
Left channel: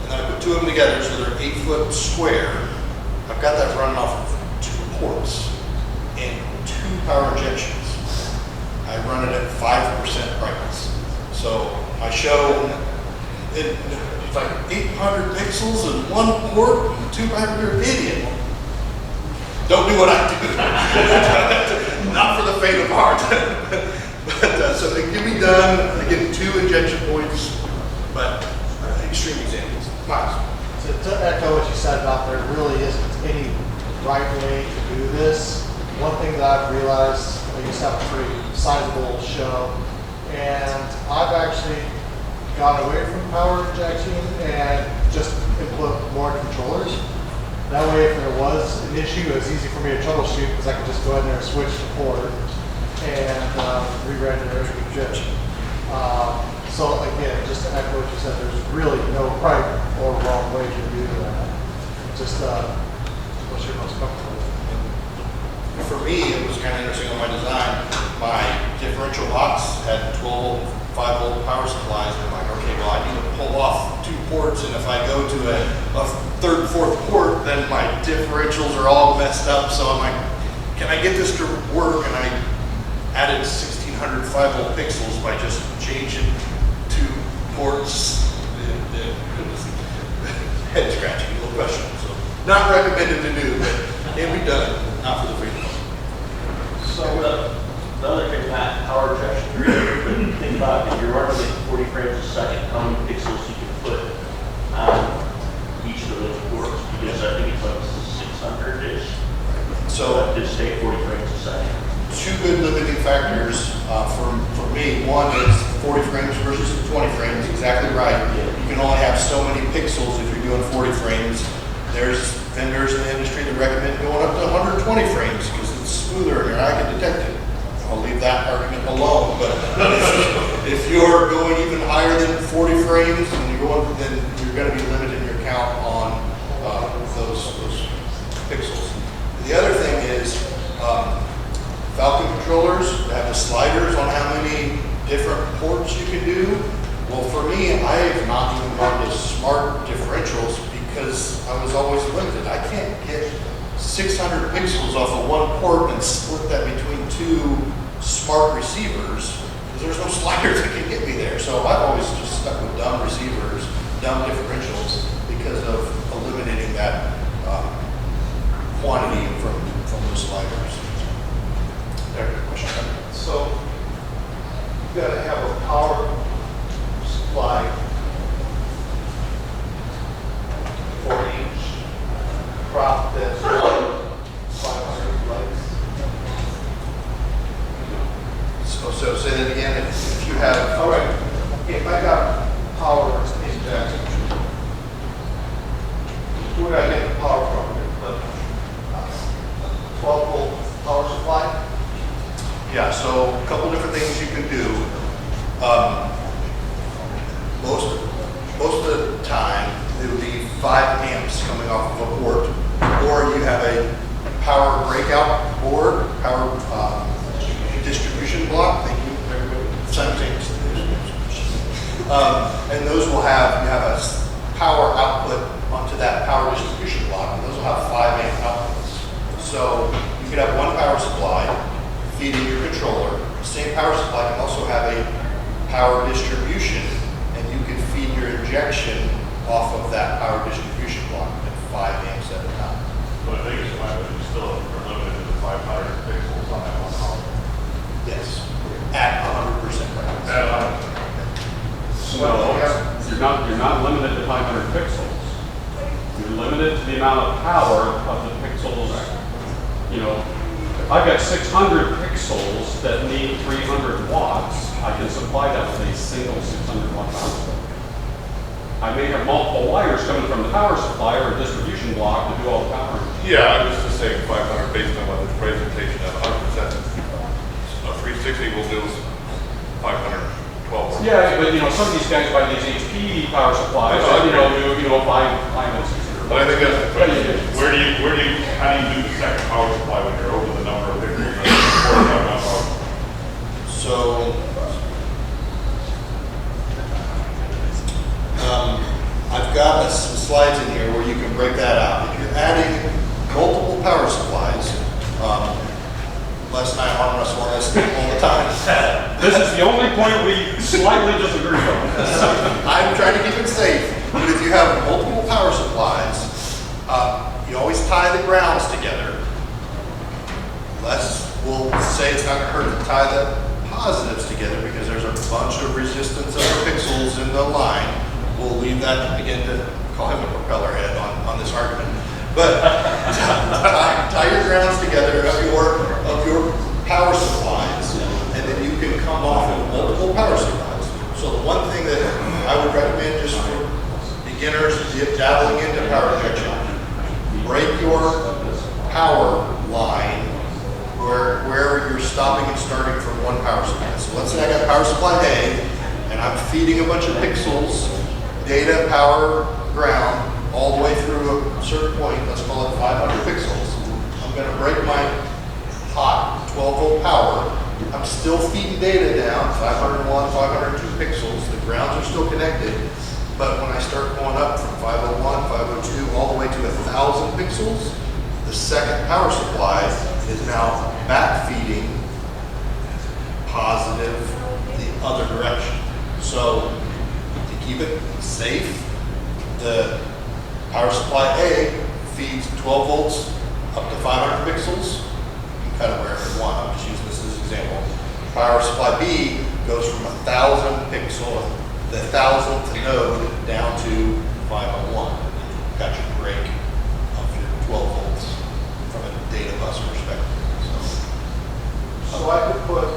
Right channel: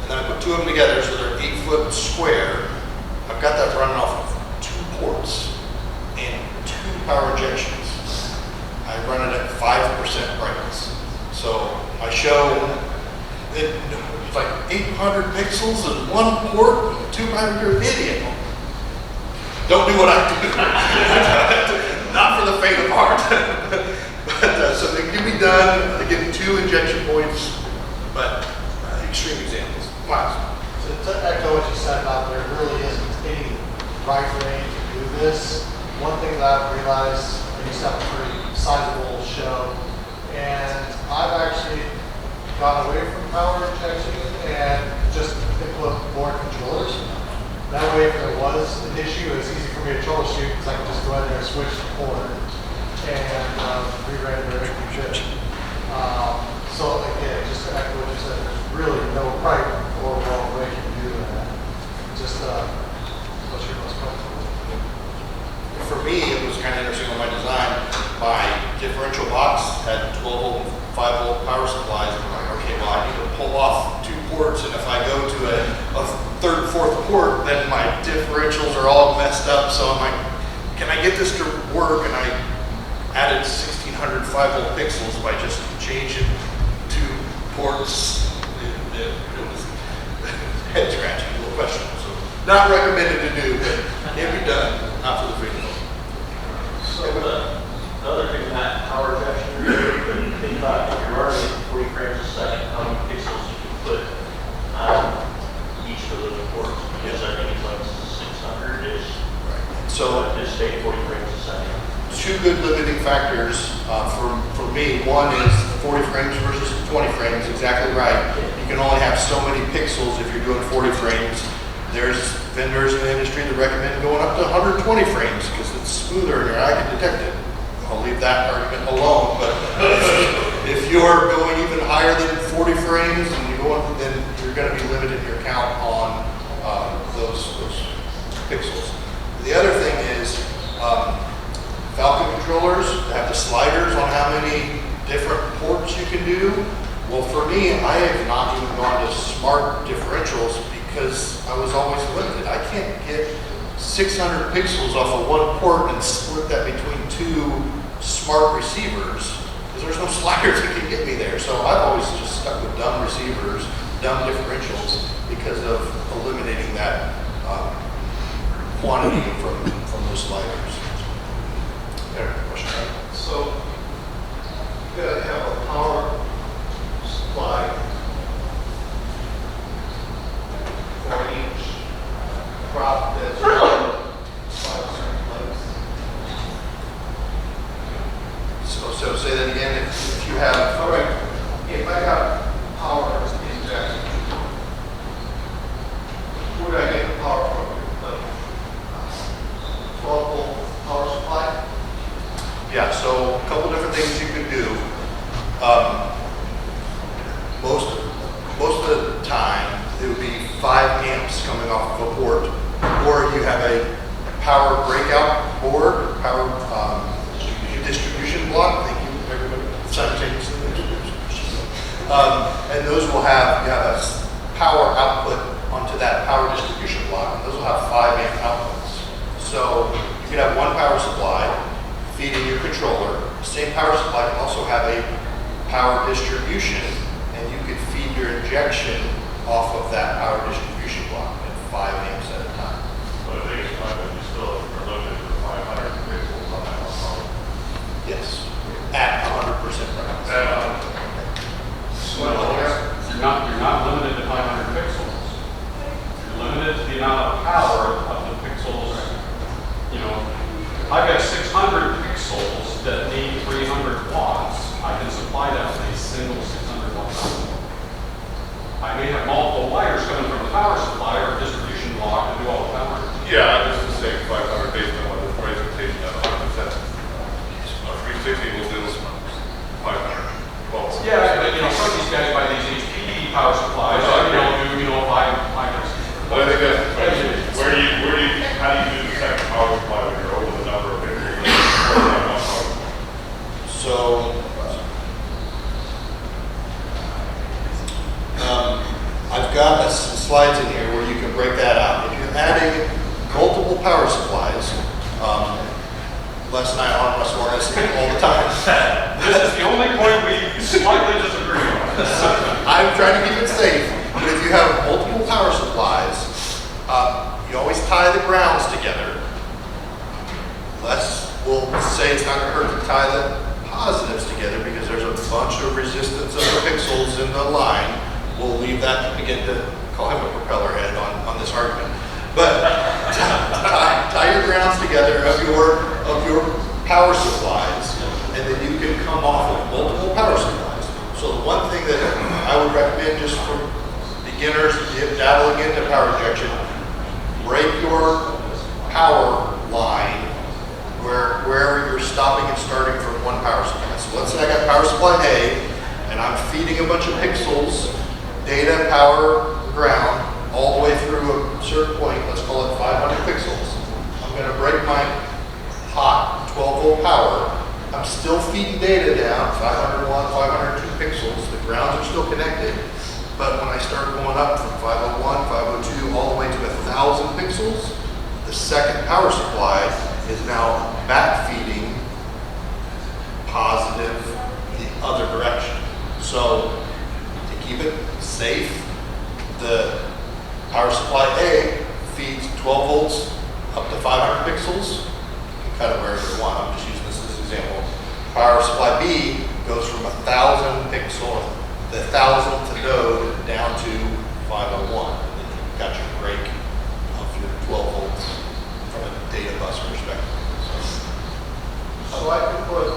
And then I put 2 of them together so they're 8 foot square. I've got that running off of 2 ports and 2 power injections. I run it at 5% brightness. So I show it, it's like 800 pixels and 1 port and 2 power. You're an idiot. Don't do what I do. Not for the faint of heart. But so it can be done. Again, 2 injection points, but extreme examples. Miles. To echo what you said about there really isn't any right way to do this. One thing that I've realized, I used to have a pretty sizable show, and I've actually gone away from power injection and just input more controllers. That way, if there was an issue, it's easy for me to troubleshoot because I can just go in there and switch the port and re-render everything good. So again, just to echo what you said, there's really no right or wrong way to do that. Just what's your most comfortable. For me, it was kind of interesting on my design. My differential box had 12 volt, 5 volt power supplies. And I'm like, okay, well, I need to pull off 2 ports, and if I go to a 3rd, 4th port, then my differentials are all messed up. So I'm like, can I get this to work? And I added 1600 5 volt pixels by just changing 2 ports. It was head scratching, little question. So not recommended to do, but can be done. Not for the free flow. So the other thing with that power injection, you could think about if you're running at 40 frames a second, how many pixels you can put on each of those ports. Because I think it's like 600-ish. Right. So just stay 40 frames a second. 2 good limiting factors for me. One is 40 frames versus 20 frames. Exactly right. You can only have so many pixels if you're doing 40 frames. There's vendors in the industry that recommend going up to 120 frames because it's smoother and your eye can detect it. I'll leave that argument alone, but if you're going even higher than 40 frames and then you're going to be limited in your count on those pixels. The other thing is Falcon controllers that have the sliders on how many different ports you can do. Well, for me, I have not even gone to smart differentials because I was always limited. I can't get 600 pixels off of 1 port and split that between 2 smart receivers because there's no sliders that can get me there. So I've always just stuck with dumb receivers, dumb differentials because of eliminating that quantity from those sliders. Question? So you gotta have a power supply for each crop that's 500 legs. So say that again. If you have, All right, if I got power injection, where do I get the power from? The 12 volt power supply? yeah. So a couple different things you could do. Most of the time, it would be 5 amps coming off of a port, or you have a power breakout board, power distribution block. Thank you, everybody. Simultaneously. And those will have, you have a power output onto that power distribution block, and those will have 5 amp outputs. So you could have 1 power supply feeding your controller. The same power supply can also have a power distribution, and you could feed your injection off of that power distribution block at 5 amps at a time. But I think it's fine, but you still are limited to 500 pixels on that one power. Yes, at 100% brightness. You're not limited to 500 pixels. You're limited to the amount of power of the pixels. You know, if I've got 600 pixels that signal 600 watts. I may have multiple wires coming from the power supply or distribution block to do all the power. Yeah, I'm just saying 500 based on what the presentation of 100%. A 360 will do 512. Yeah, but some of these guys buy these HP power supplies, do 5 But I think that's the question. How do you do the second power supply when you're over the number of pixels? So, I've got some slides in here where you can break that out. If you're adding multiple power supplies, Les and I arm wrestle on this all the time. This is the only point we slightly disagree on. I'm trying to keep it safe, but if you have multiple power supplies, you always tie the grounds together. Les will say it's not going to hurt to tie the positives together because there's a bunch of resistance of pixels in the line. We'll leave that again to call him a propeller head on this argument. But tie your grounds together of your power supplies, and then you can come off of multiple power supplies. So the one thing that I would recommend just for beginners dabbling into power injection, break your power line where you're stopping and starting from one power supply. So let's say I got power supply A, and I'm feeding a bunch of pixels, data, power, ground, all the way through a certain point, let's call it 500 pixels. I'm going to break my hot 12-volt power. I'm still feeding data down, 501, 502 pixels. The grounds are still connected. But when I start going up from 501, 502, all the way to 1,000 pixels, the second power supply is now back feeding positive the other direction. So to keep it safe, the power supply A feeds 12 volts up to 500 pixels. You can cut it wherever you want. I'm just using this as an example. Power supply B goes from 1,000 pixel, the 1,000th node down to 501. And then you've got your break of your 12 volts from a data bus perspective. So I could put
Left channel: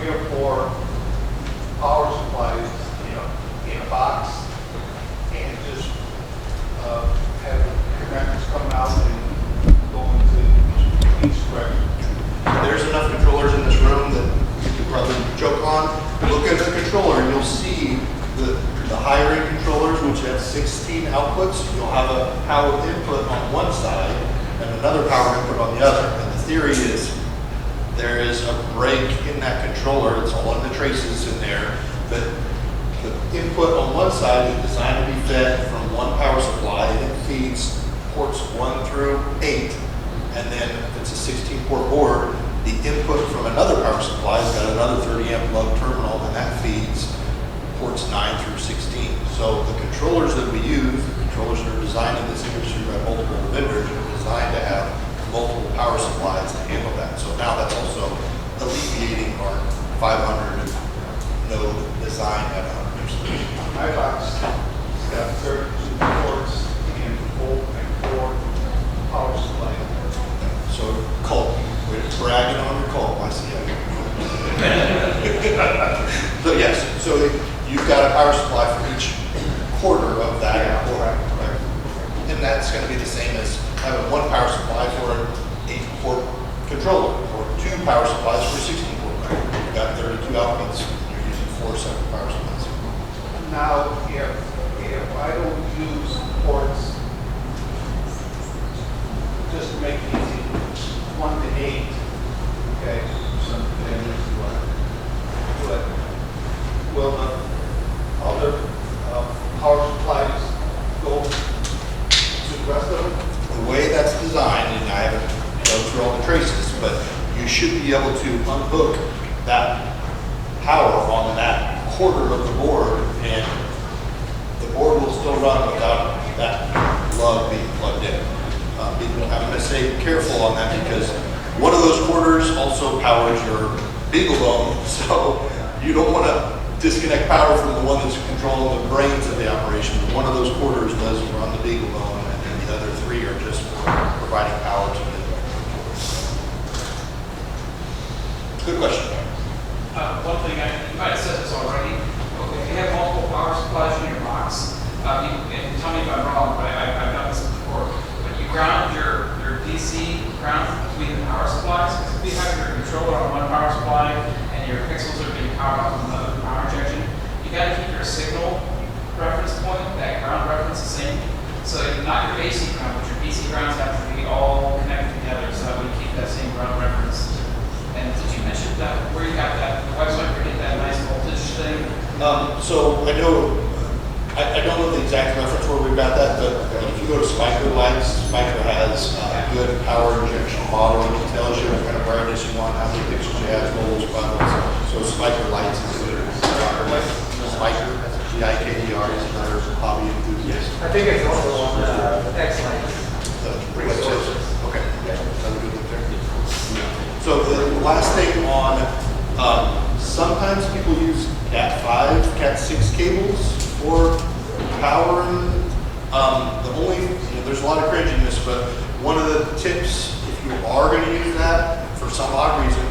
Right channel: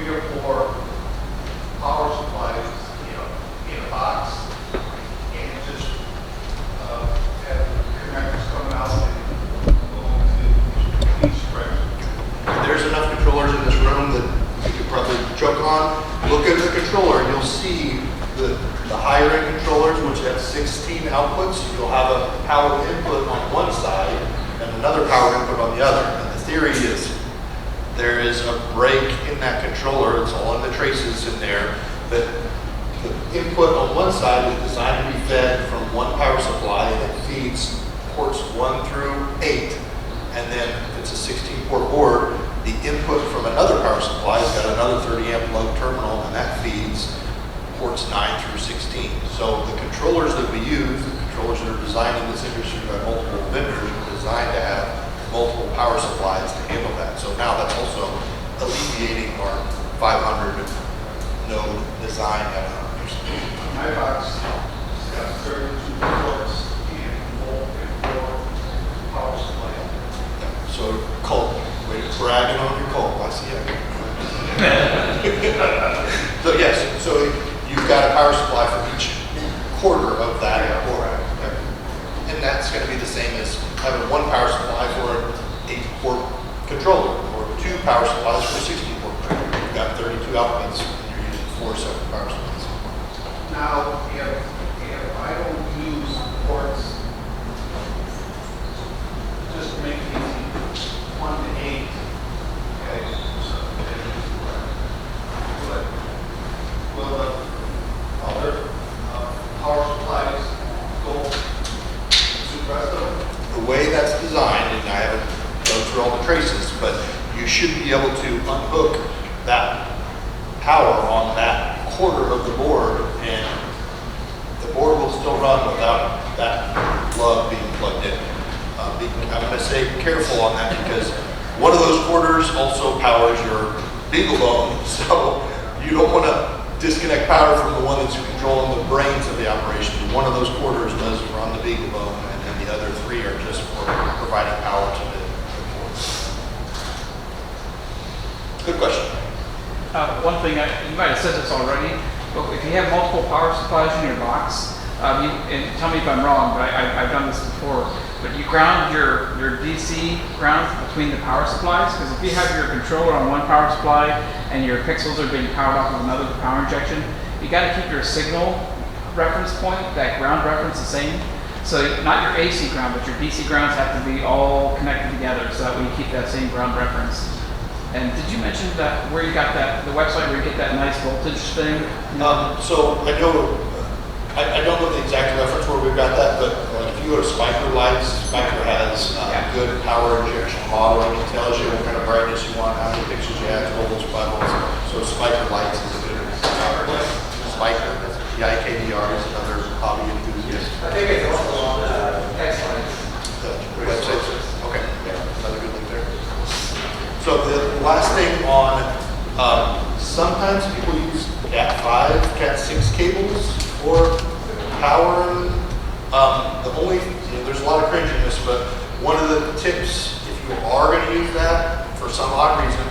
3 or 4 power supplies, in a box, and just have connectors coming out and going to each direction. There's enough controllers in this room that you could probably joke on. Look at the controller, you'll see the higher end controllers, which have 16 outputs. You'll have a power input on one side and another power input on the other. And the theory is there is a break in that controller. It's all in the traces in there. But the input on one side is designed to be fed from one power supply, and it feeds ports 1 through 8. And then if it's a 16-port board, the input from another power supply has got another 30-amp lug terminal, and that feeds ports 9 through 16. So the controllers that we use, the controllers that are designed in this industry by multiple vendors, are designed to have multiple power supplies to handle that. So now that's also alleviating our 500 node design at 100%. My box has 32 ports and 4 power supply. So call, we're bragging on your call, I see it. So yes, so you've got a power supply for each quarter of that port. And that's going to be the same as having one power supply for an 8-port controller, or 2 power supplies for a 16-port controller. You've got 32 outputs, and you're using 4 separate power supplies. Now, if I don't use ports, just to make it easy, 1 to 8, okay, so then but will the other power supplies go to the rest of them? The way that's designed, and I haven't gone through all the traces, but you should be able to unhook that power on that quarter of the board, and the board will still run without that lug being plugged in. I'm going to say careful on that because one of those quarters also powers your beagle bone, so you don't want to disconnect power from the one that's controlling the brains of the operation. One of those quarters does run the beagle bone, and then the other 3 are just for providing power to the board. Good question. One thing, you might have said this already, but if you have multiple power supplies in your box, and tell me if I'm wrong, but I've done this before, but you ground your DC ground between the power supplies, because if you have your controller on one power supply and your pixels are being powered up with another power injection, you got to keep your signal reference point, that ground reference, the same. So not your AC ground, but your DC grounds have to be all connected together, so that we keep that same ground reference. And did you mention that where you got that, the website where you get that nice voltage thing? So I know, I don't know the exact reference where we've got that, but if you go to Spiker Lights, Spiker has good power injection modeling. It tells you what kind of brightness you want, how many pixels you have, all those buttons. So Spiker Lights is a good Spiker, that's P-I-K-E-R, is another hobby enthusiast. I think it's also on X-Link. Website. Okay, yeah, another good link there. So the last thing on, sometimes people use Cat5, Cat6 cables for power. The only, there's a lot of cringiness, but one of the tips, if you are going to use that for some odd reason,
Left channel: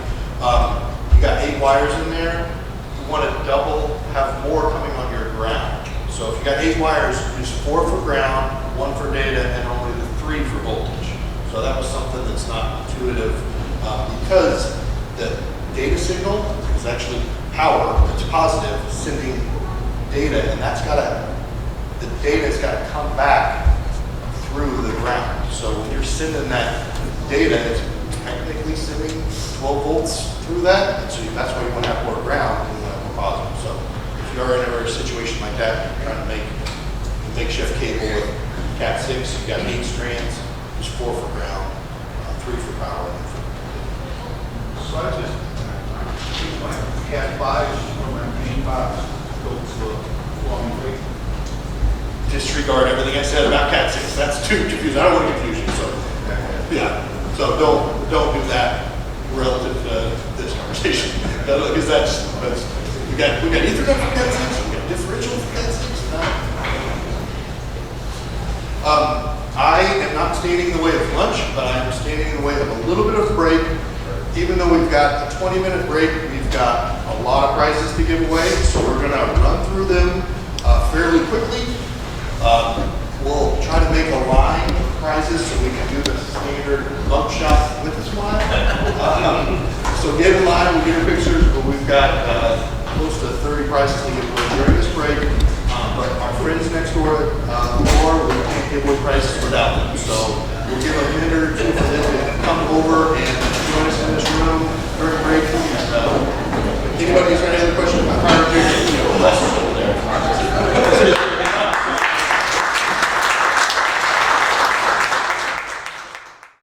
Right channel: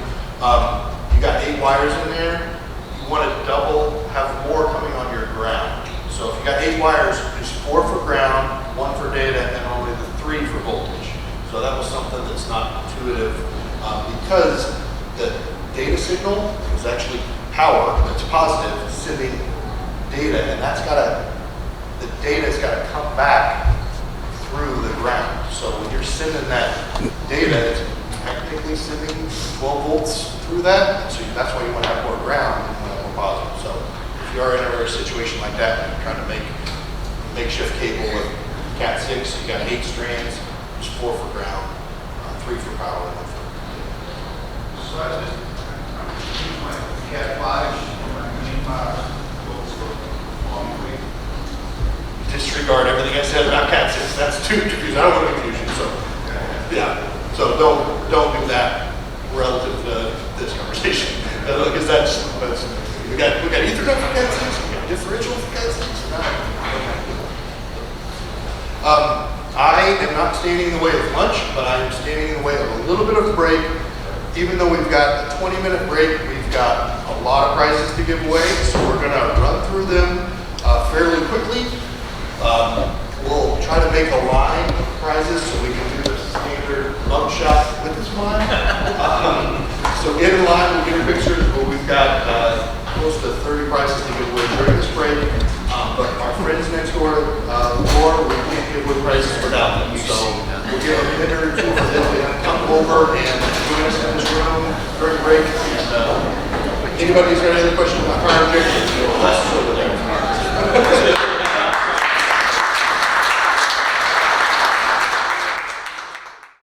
you got 8 wires in there, you want to double, have more coming on your ground. So if you got 8 wires, use 4 for ground, 1 for data, and only the 3 for voltage. So that was something that's not intuitive. Because the data signal is actually power that's positive sending data, and the data's got to come back through the ground. So when you're sending that data, it's technically sending 12 volts through that. So that's why you want to have more ground and you want to have more positive. So if you are in a situation like that, you're trying to make a makeshift cable with Cat6, you got 8 strands, there's 4 for ground, 3 for power. So I just use my Cat 5 or my Green 5 goes for long way. Disregard everything I said about Cat6. That's too confusing. I don't want to confuse you. So, yeah. So don't do that relative to this conversation, because that's we got Ethernet for Cat6, we got differential for Cat6. I am not standing in the way of lunch, but I am standing in the way of a little bit of break. Even though we've got a 20-minute break, we've got a lot of prizes to give away, so we're going to run through them fairly quickly. We'll try to make a line of prizes so we can do the standard bump shot with this line. So get in line, we'll get your pictures, but we've got close to 30 prizes to give away during this break. But our friends next door, we can't give away prizes without them, so we'll give a minute or 2 for them to come over and join us in this room during break. And, anybody has any other questions about prior objections?